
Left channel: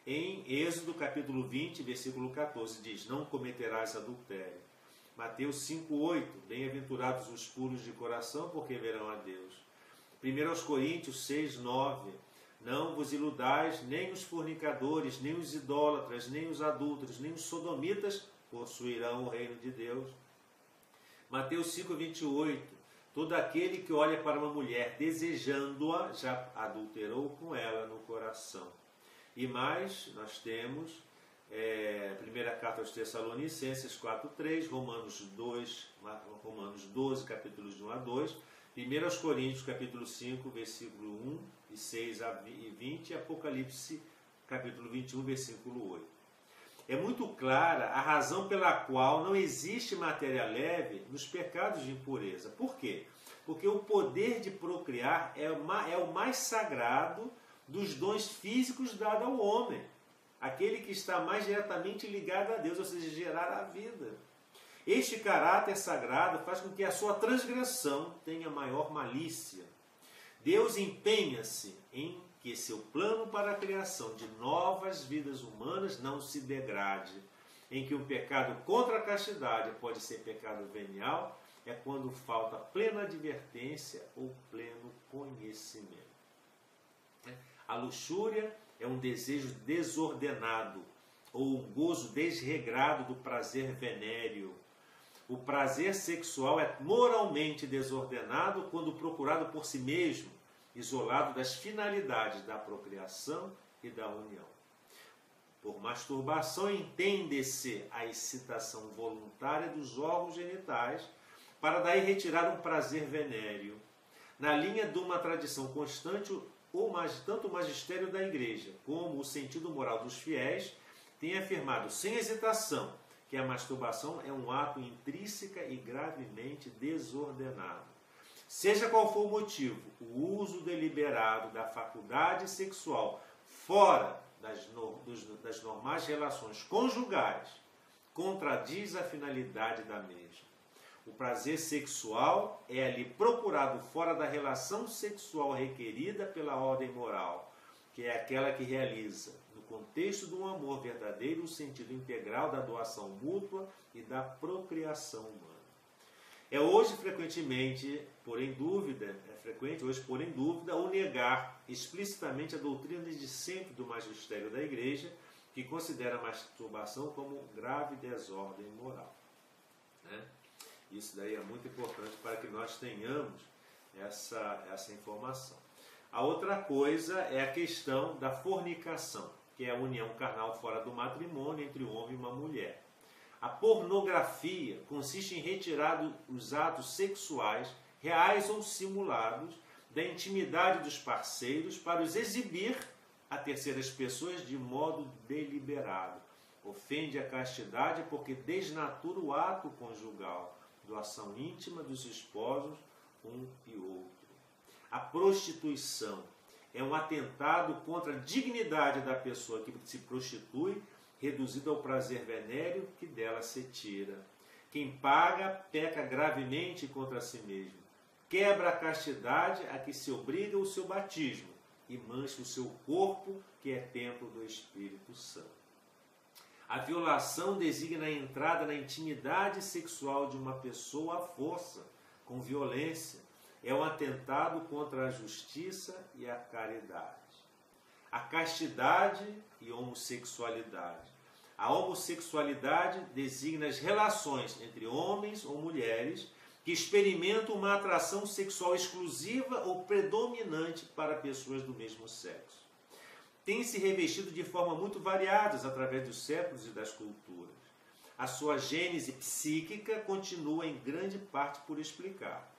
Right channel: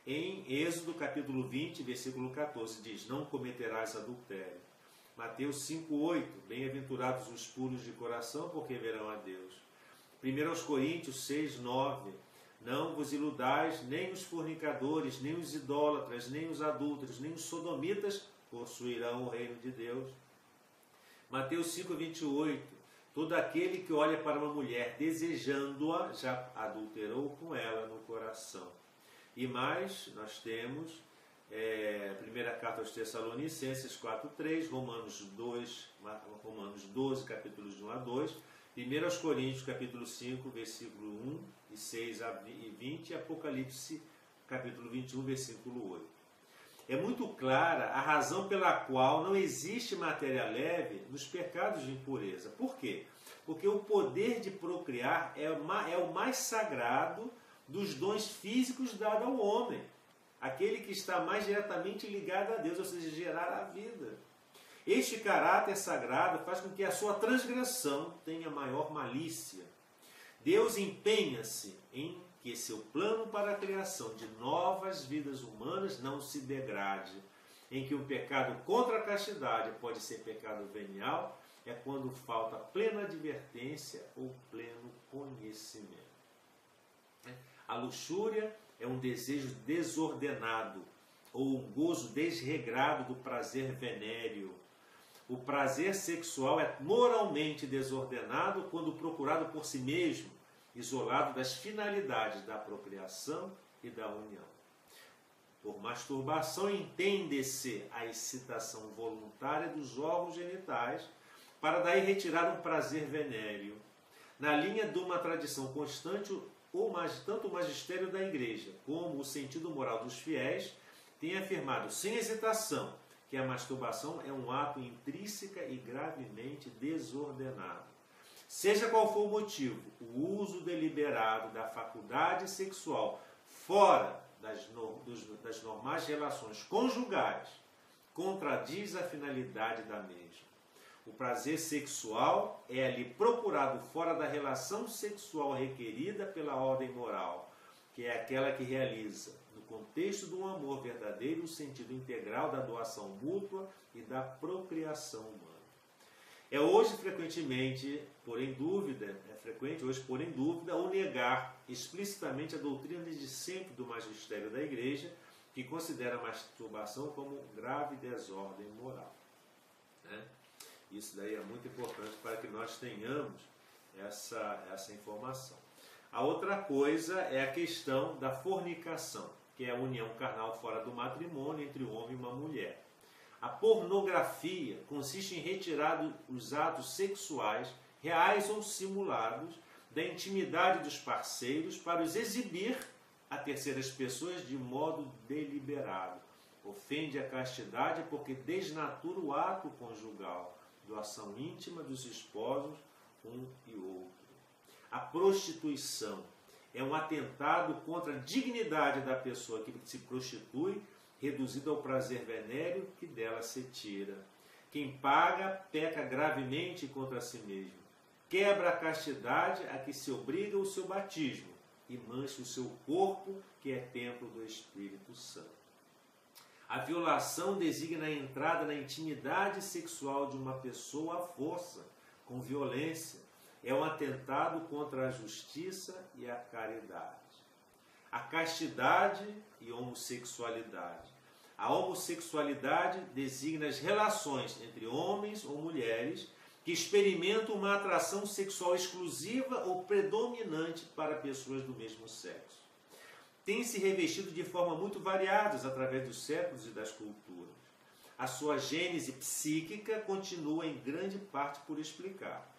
em Êxodo capítulo 20, versículo 14, diz: não cometerás adultério. Mateus 5,8, bem-aventurados os puros de coração, porque verão a Deus. 1 Coríntios 6, 9, não vos iludais, nem os fornicadores, nem os idólatras, nem os adúlteros, nem os sodomitas possuirão o reino de Deus. Mateus 5, 28, todo aquele que olha para uma mulher desejando-a, já adulterou com ela no coração. E mais, nós temos primeira carta aos Tessalonicenses 4:3, Romanos 12, capítulos de 1 a 2, 1 Coríntios capítulo 5, versículo 1 e 6 e 20, e Apocalipse capítulo 21, versículo 8. É muito clara a razão pela qual não existe matéria leve nos pecados de impureza. Por quê? Porque o poder de procriar é o mais sagrado dos dons físicos dado ao homem. Aquele que está mais diretamente ligado a Deus, ou seja, gerar a vida. Este caráter sagrado faz com que a sua transgressão tenha maior malícia. Deus empenha-se em que seu plano para a criação de novas vidas humanas não se degrade. Em que o pecado contra a castidade pode ser pecado venial, é quando falta plena advertência ou pleno conhecimento. A luxúria é um desejo desordenado ou um gozo desregrado do prazer venéreo. O prazer sexual é moralmente desordenado quando procurado por si mesmo, isolado das finalidades da procriação e da união. Por masturbação entende-se a excitação voluntária dos órgãos genitais para daí retirar um prazer venéreo. Na linha de uma tradição constante, tanto o magistério da Igreja como o sentido moral dos fiéis têm afirmado sem hesitação que a masturbação é um ato intrínseca e gravemente desordenado. Seja qual for o motivo, o uso deliberado da faculdade sexual fora das normais relações conjugais contradiz a finalidade da mesma. O prazer sexual é ali procurado fora da relação sexual requerida pela ordem moral, que é aquela que realiza, no contexto de um amor verdadeiro, o sentido integral da doação mútua e da procriação humana. É frequente, pôr em dúvida, o negar explicitamente a doutrina desde sempre do magistério da Igreja, que considera a masturbação como grave desordem moral. Né? Isso daí é muito importante para que nós tenhamos essa informação. A outra coisa é a questão da fornicação, que é a união carnal fora do matrimônio entre um homem e uma mulher. A pornografia consiste em retirar os atos sexuais, reais ou simulados, da intimidade dos parceiros para os exibir a terceiras pessoas de modo deliberado. Ofende a castidade porque desnatura o ato conjugal, doação íntima dos esposos, um e outro. A prostituição é um atentado contra a dignidade da pessoa que se prostitui, reduzido ao prazer venéreo que dela se tira. Quem paga, peca gravemente contra si mesmo. Quebra a castidade a que se obriga o seu batismo e mancha o seu corpo, que é templo do Espírito Santo. A violação designa a entrada na intimidade sexual de uma pessoa à força, com violência. É um atentado contra a justiça e a caridade. A castidade e homossexualidade. A homossexualidade designa as relações entre homens ou mulheres que experimentam uma atração sexual exclusiva ou predominante para pessoas do mesmo sexo. Tem se revestido de forma muito variadas através dos séculos e das culturas. A sua gênese psíquica continua em grande parte por explicar.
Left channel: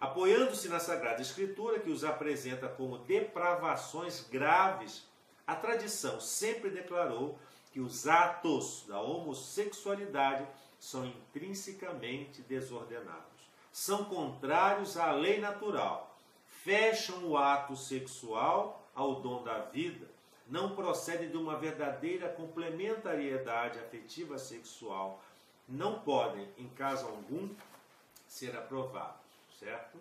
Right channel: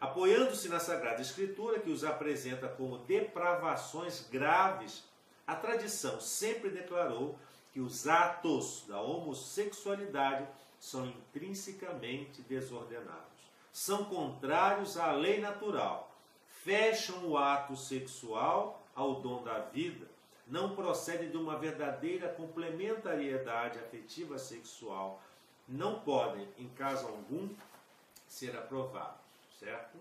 Apoiando-se na Sagrada Escritura, que os apresenta como depravações graves, a tradição sempre declarou que os atos da homossexualidade são intrinsecamente desordenados, são contrários à lei natural, fecham o ato sexual ao dom da vida, não procedem de uma verdadeira complementariedade afetiva sexual, não podem, em caso algum, ser aprovados. Certo?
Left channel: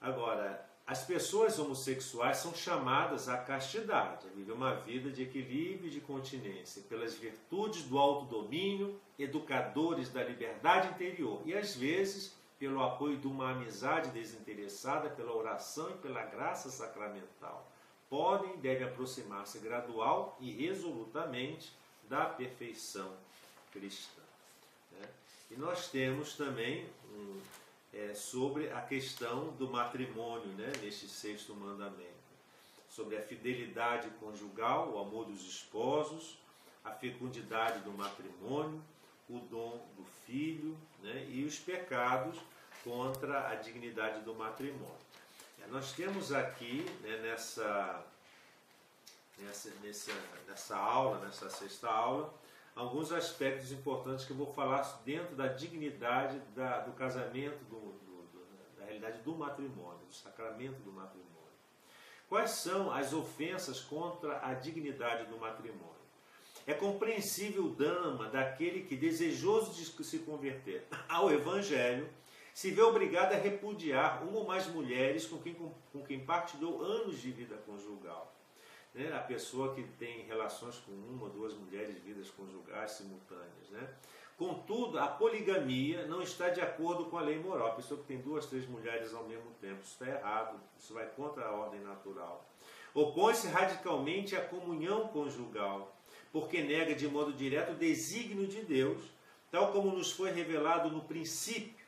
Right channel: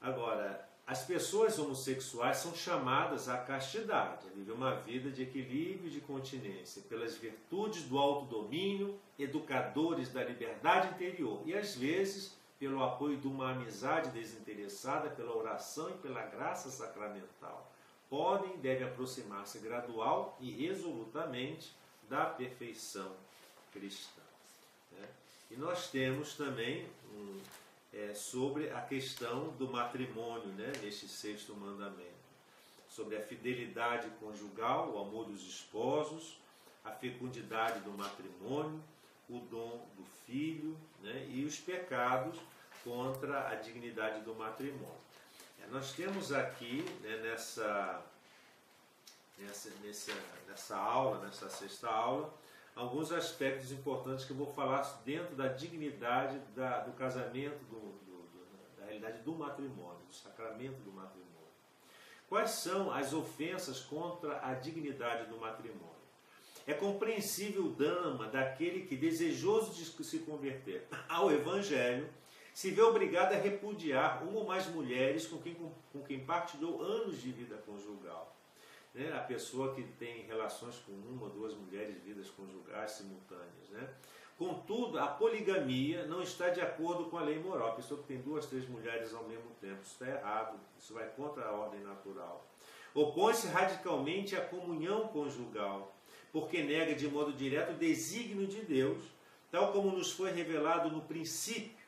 Agora, as pessoas homossexuais são chamadas à castidade, a viver uma vida de equilíbrio e de continência, pelas virtudes do autodomínio, educadores da liberdade interior e, às vezes, pelo apoio de uma amizade desinteressada, pela oração e pela graça sacramental. Podem e devem aproximar-se gradual e resolutamente da perfeição cristã. Né? E nós temos também sobre a questão do matrimônio, né, neste 6º mandamento, sobre a fidelidade conjugal, o amor dos esposos, a fecundidade do matrimônio, o dom do filho, né, e os pecados contra a dignidade do matrimônio. Nós temos aqui, né, nessa aula, nessa 6ª aula, alguns aspectos importantes que eu vou falar dentro da dignidade do casamento, da realidade do matrimônio, do sacramento do matrimônio. Quais são as ofensas contra a dignidade do matrimônio? É compreensível o drama daquele que, desejoso de se converter ao Evangelho, se vê obrigado a repudiar uma ou mais mulheres com quem partilhou anos de vida conjugal. Né? A pessoa que tem relações com uma ou duas mulheres, vidas conjugais simultâneas. Né? Contudo, a poligamia não está de acordo com a lei moral. A pessoa que tem 2, 3 mulheres ao mesmo tempo, isso está errado, isso vai contra a ordem natural. Opõe-se radicalmente à comunhão conjugal, porque nega de modo direto o desígnio de Deus, tal como nos foi revelado no princípio,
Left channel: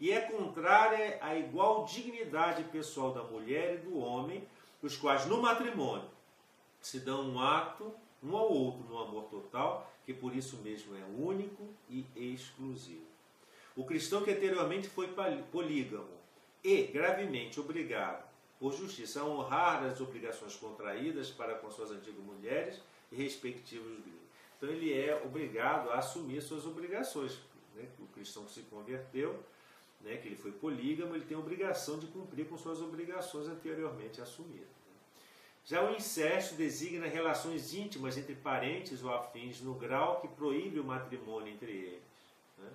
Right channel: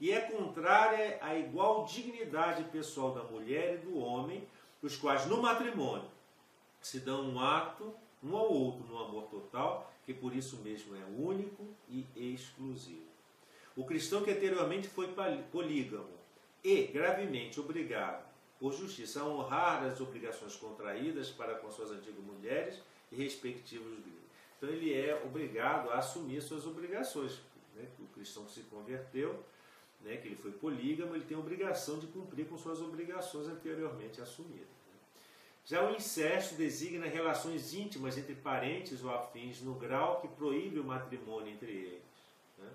e é contrária à igual dignidade pessoal da mulher e do homem, os quais no matrimônio se dão um ato, um ao outro, no amor total, que por isso mesmo é único e exclusivo. O cristão que anteriormente foi polígamo e gravemente obrigado por justiça a honrar as obrigações contraídas para com suas antigas mulheres e respectivos gregos. Então ele é obrigado a assumir suas obrigações. Né? O cristão que se converteu, né, que ele foi polígamo, ele tem a obrigação de cumprir com suas obrigações anteriormente assumidas. Já o incesto designa relações íntimas entre parentes ou afins no grau que proíbe o matrimônio entre eles. Né?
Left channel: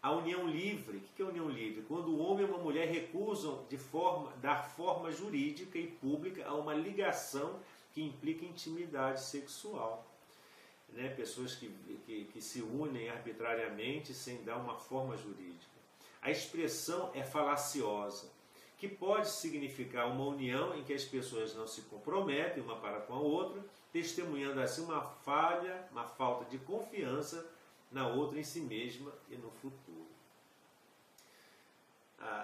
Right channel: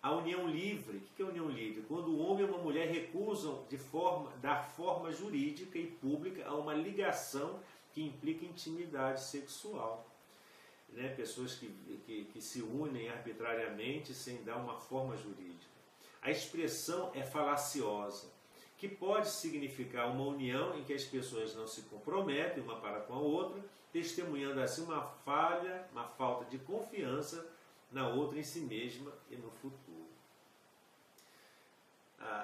A união livre, o que é a união livre? Quando o homem e uma mulher recusam dar forma jurídica e pública a uma ligação que implica intimidade sexual. Né? Pessoas que se unem arbitrariamente sem dar uma forma jurídica. A expressão é falaciosa, que pode significar uma união em que as pessoas não se comprometem uma para com a outra, testemunhando assim uma falta de confiança na outra em si mesma e no futuro.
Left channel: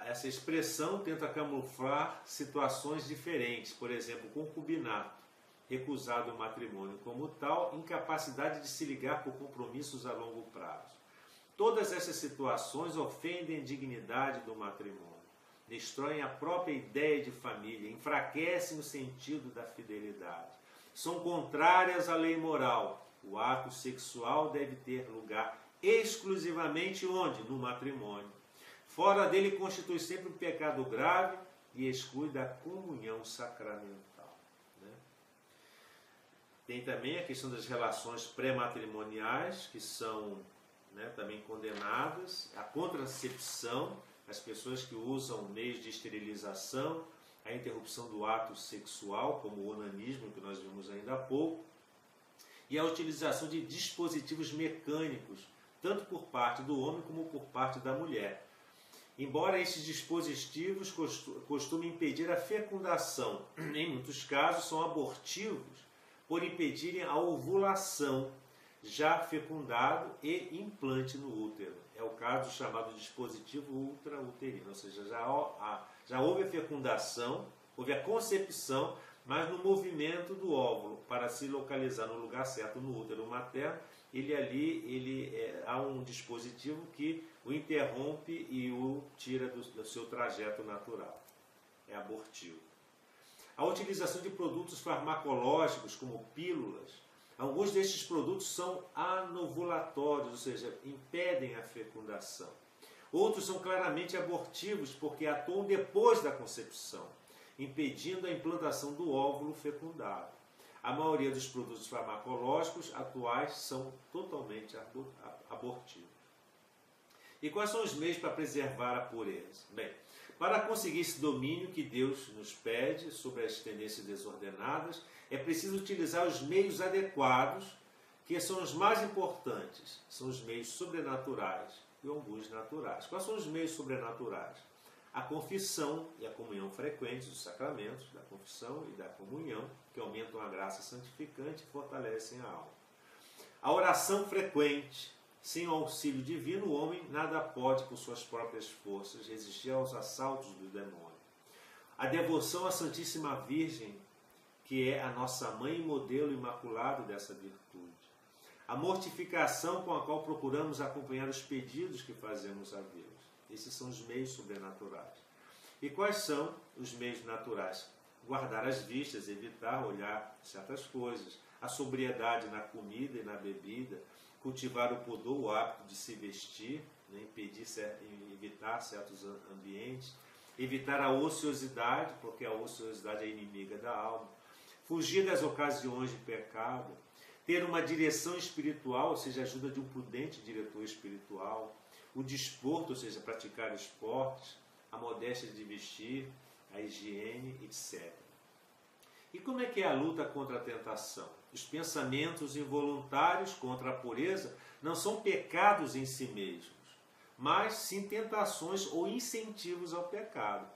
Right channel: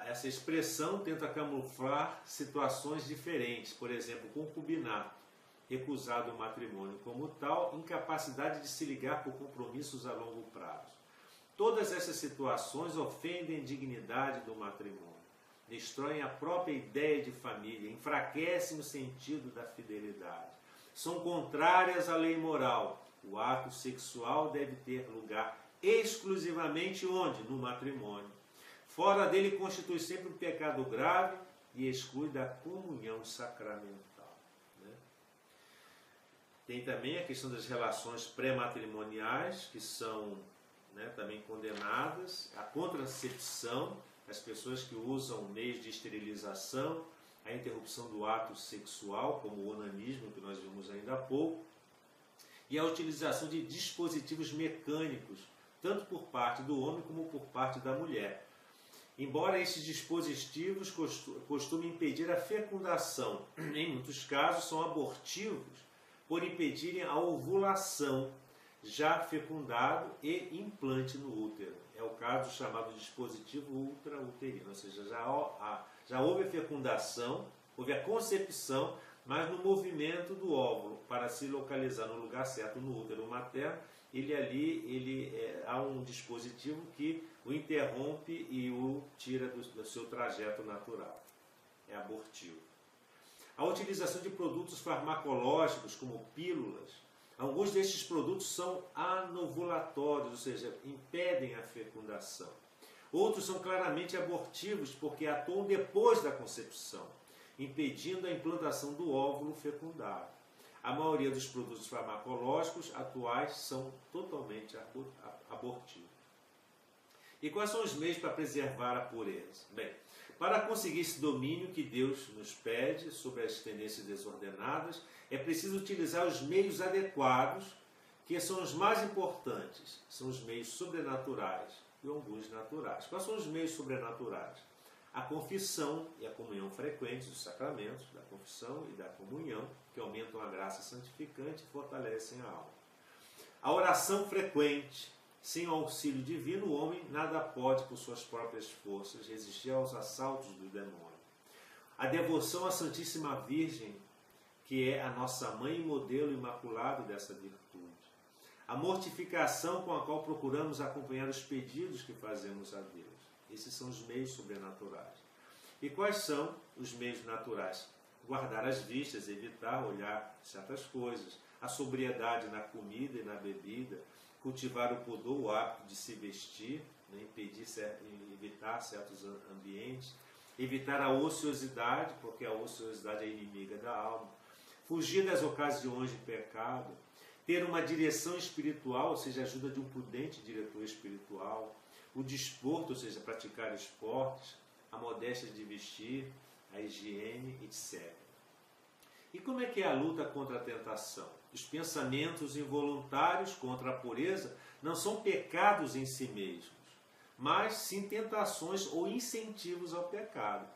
Essa expressão tenta camuflar situações diferentes, por exemplo, concubinato, recusado o matrimônio como tal, incapacidade de se ligar por compromissos a longo prazo. Todas essas situações ofendem a dignidade do matrimônio, destroem a própria ideia de família, enfraquecem o sentido da fidelidade. São contrárias à lei moral. O ato sexual deve ter lugar exclusivamente onde? No matrimônio. Fora dele constitui sempre um pecado grave e exclui da comunhão sacramental. Né? Tem também a questão das relações pré-matrimoniais, que são também condenadas, a contracepção, as pessoas que usam meios de esterilização, a interrupção do ato sexual, como o onanismo, que nós vimos ainda há pouco, e a utilização de dispositivos mecânicos, tanto por parte do homem como por parte da mulher. Embora esses dispositivos costumem impedir a fecundação, em muitos casos são abortivos por impedirem a ovulação, já fecundado e implante no útero. É o caso chamado dispositivo ultrauterino, ou seja, já houve a fecundação, houve a concepção, mas no movimento do óvulo, para se localizar no lugar certo no útero materno, há um dispositivo que o interrompe e o tira do seu trajeto natural. É abortivo. A utilização de produtos farmacológicos, como pílulas, alguns destes produtos são anovulatórios, ou seja, impedem a fecundação. Outros são claramente abortivos porque atuam depois da concepção, impedindo a implantação do óvulo fecundado. A maioria dos produtos farmacológicos atuais são totalmente abortivos. E quais são os meios para preservar a pureza? Bem, para conseguir esse domínio que Deus nos pede sobre as tendências desordenadas, é preciso utilizar os meios adequados, que são os mais importantes. São os meios sobrenaturais e alguns naturais. Quais são os meios sobrenaturais? A confissão e a comunhão frequentes dos sacramentos, da confissão e da comunhão, que aumentam a graça santificante e fortalecem a alma. A oração frequente. Sem o auxílio divino, o homem nada pode, por suas próprias forças, resistir aos assaltos do demônio. A devoção à Santíssima Virgem, que é a nossa mãe e modelo imaculado dessa virtude. A mortificação com a qual procuramos acompanhar os pedidos que fazemos a Deus. Esses são os meios sobrenaturais. E quais são os meios naturais? Guardar as vistas, evitar olhar certas coisas. A sobriedade na comida e na bebida. Cultivar o pudor, o hábito de se vestir, evitar certos ambientes. Evitar a ociosidade, porque a ociosidade é inimiga da alma. Fugir das ocasiões de pecado. Ter uma direção espiritual, ou seja, a ajuda de um prudente diretor espiritual. O desporto, ou seja, praticar esportes. A modéstia de vestir, a higiene, etc. E como é que é a luta contra a tentação? Os pensamentos involuntários contra a pureza não são pecados em si mesmos, mas sim tentações ou incentivos ao pecado.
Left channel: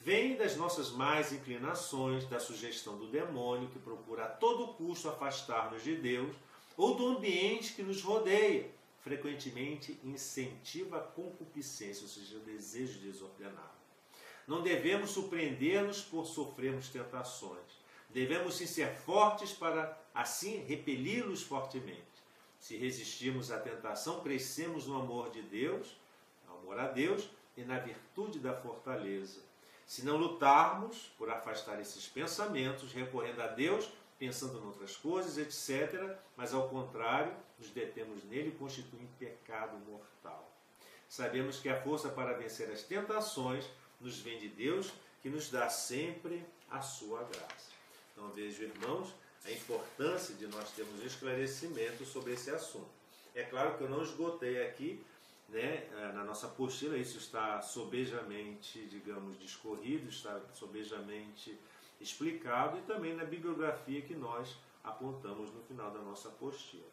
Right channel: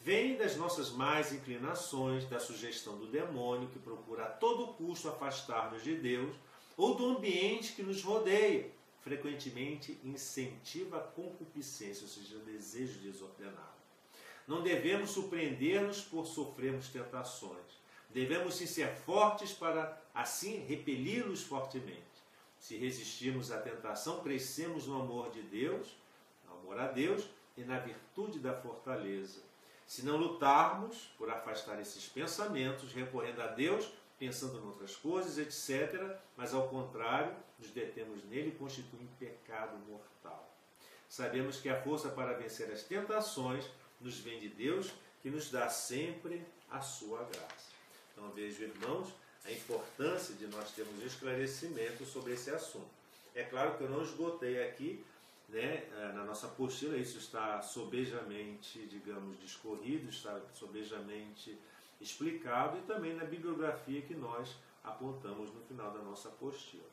Vêm das nossas más inclinações, da sugestão do demônio que procura a todo custo afastar-nos de Deus, ou do ambiente que nos rodeia, frequentemente incentiva a concupiscência, ou seja, o desejo desordenado. Não devemos surpreender-nos por sofrermos tentações. Devemos sim ser fortes para, assim, repeli-los fortemente. Se resistirmos à tentação, crescemos no amor de Deus, no amor a Deus e na virtude da fortaleza. Se não lutarmos por afastar esses pensamentos, recorrendo a Deus, pensando em outras coisas, etc., mas ao contrário, nos detemos nele, constitui um pecado mortal. Sabemos que a força para vencer as tentações nos vem de Deus, que nos dá sempre a sua graça. Então vejo, irmãos, a importância de nós termos esclarecimento sobre esse assunto. É claro que eu não esgotei aqui, né, na nossa apostila, isso está sobejamente, digamos, discorrido, está sobejamente explicado, e também na bibliografia que nós apontamos no final da nossa apostila.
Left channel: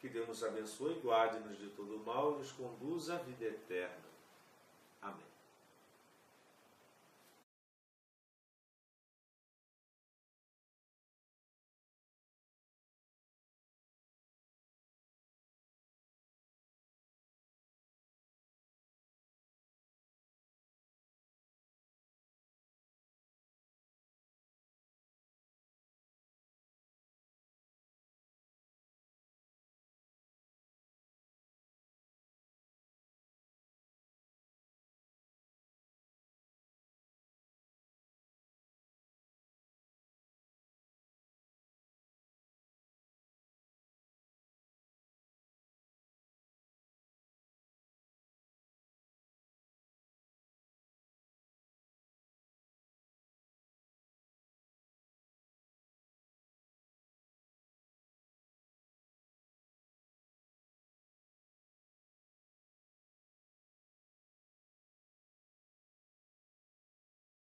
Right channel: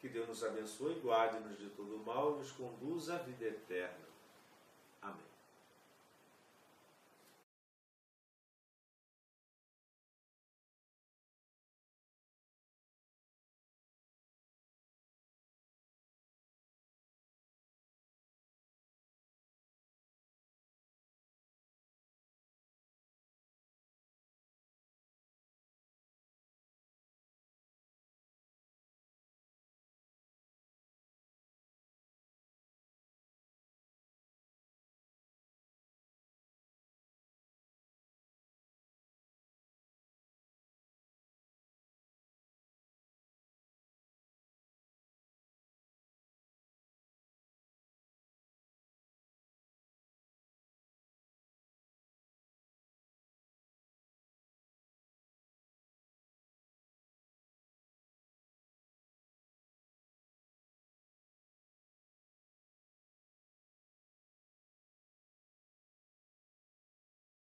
Que Deus nos abençoe, guarde-nos de todo o mal e nos conduza à vida eterna.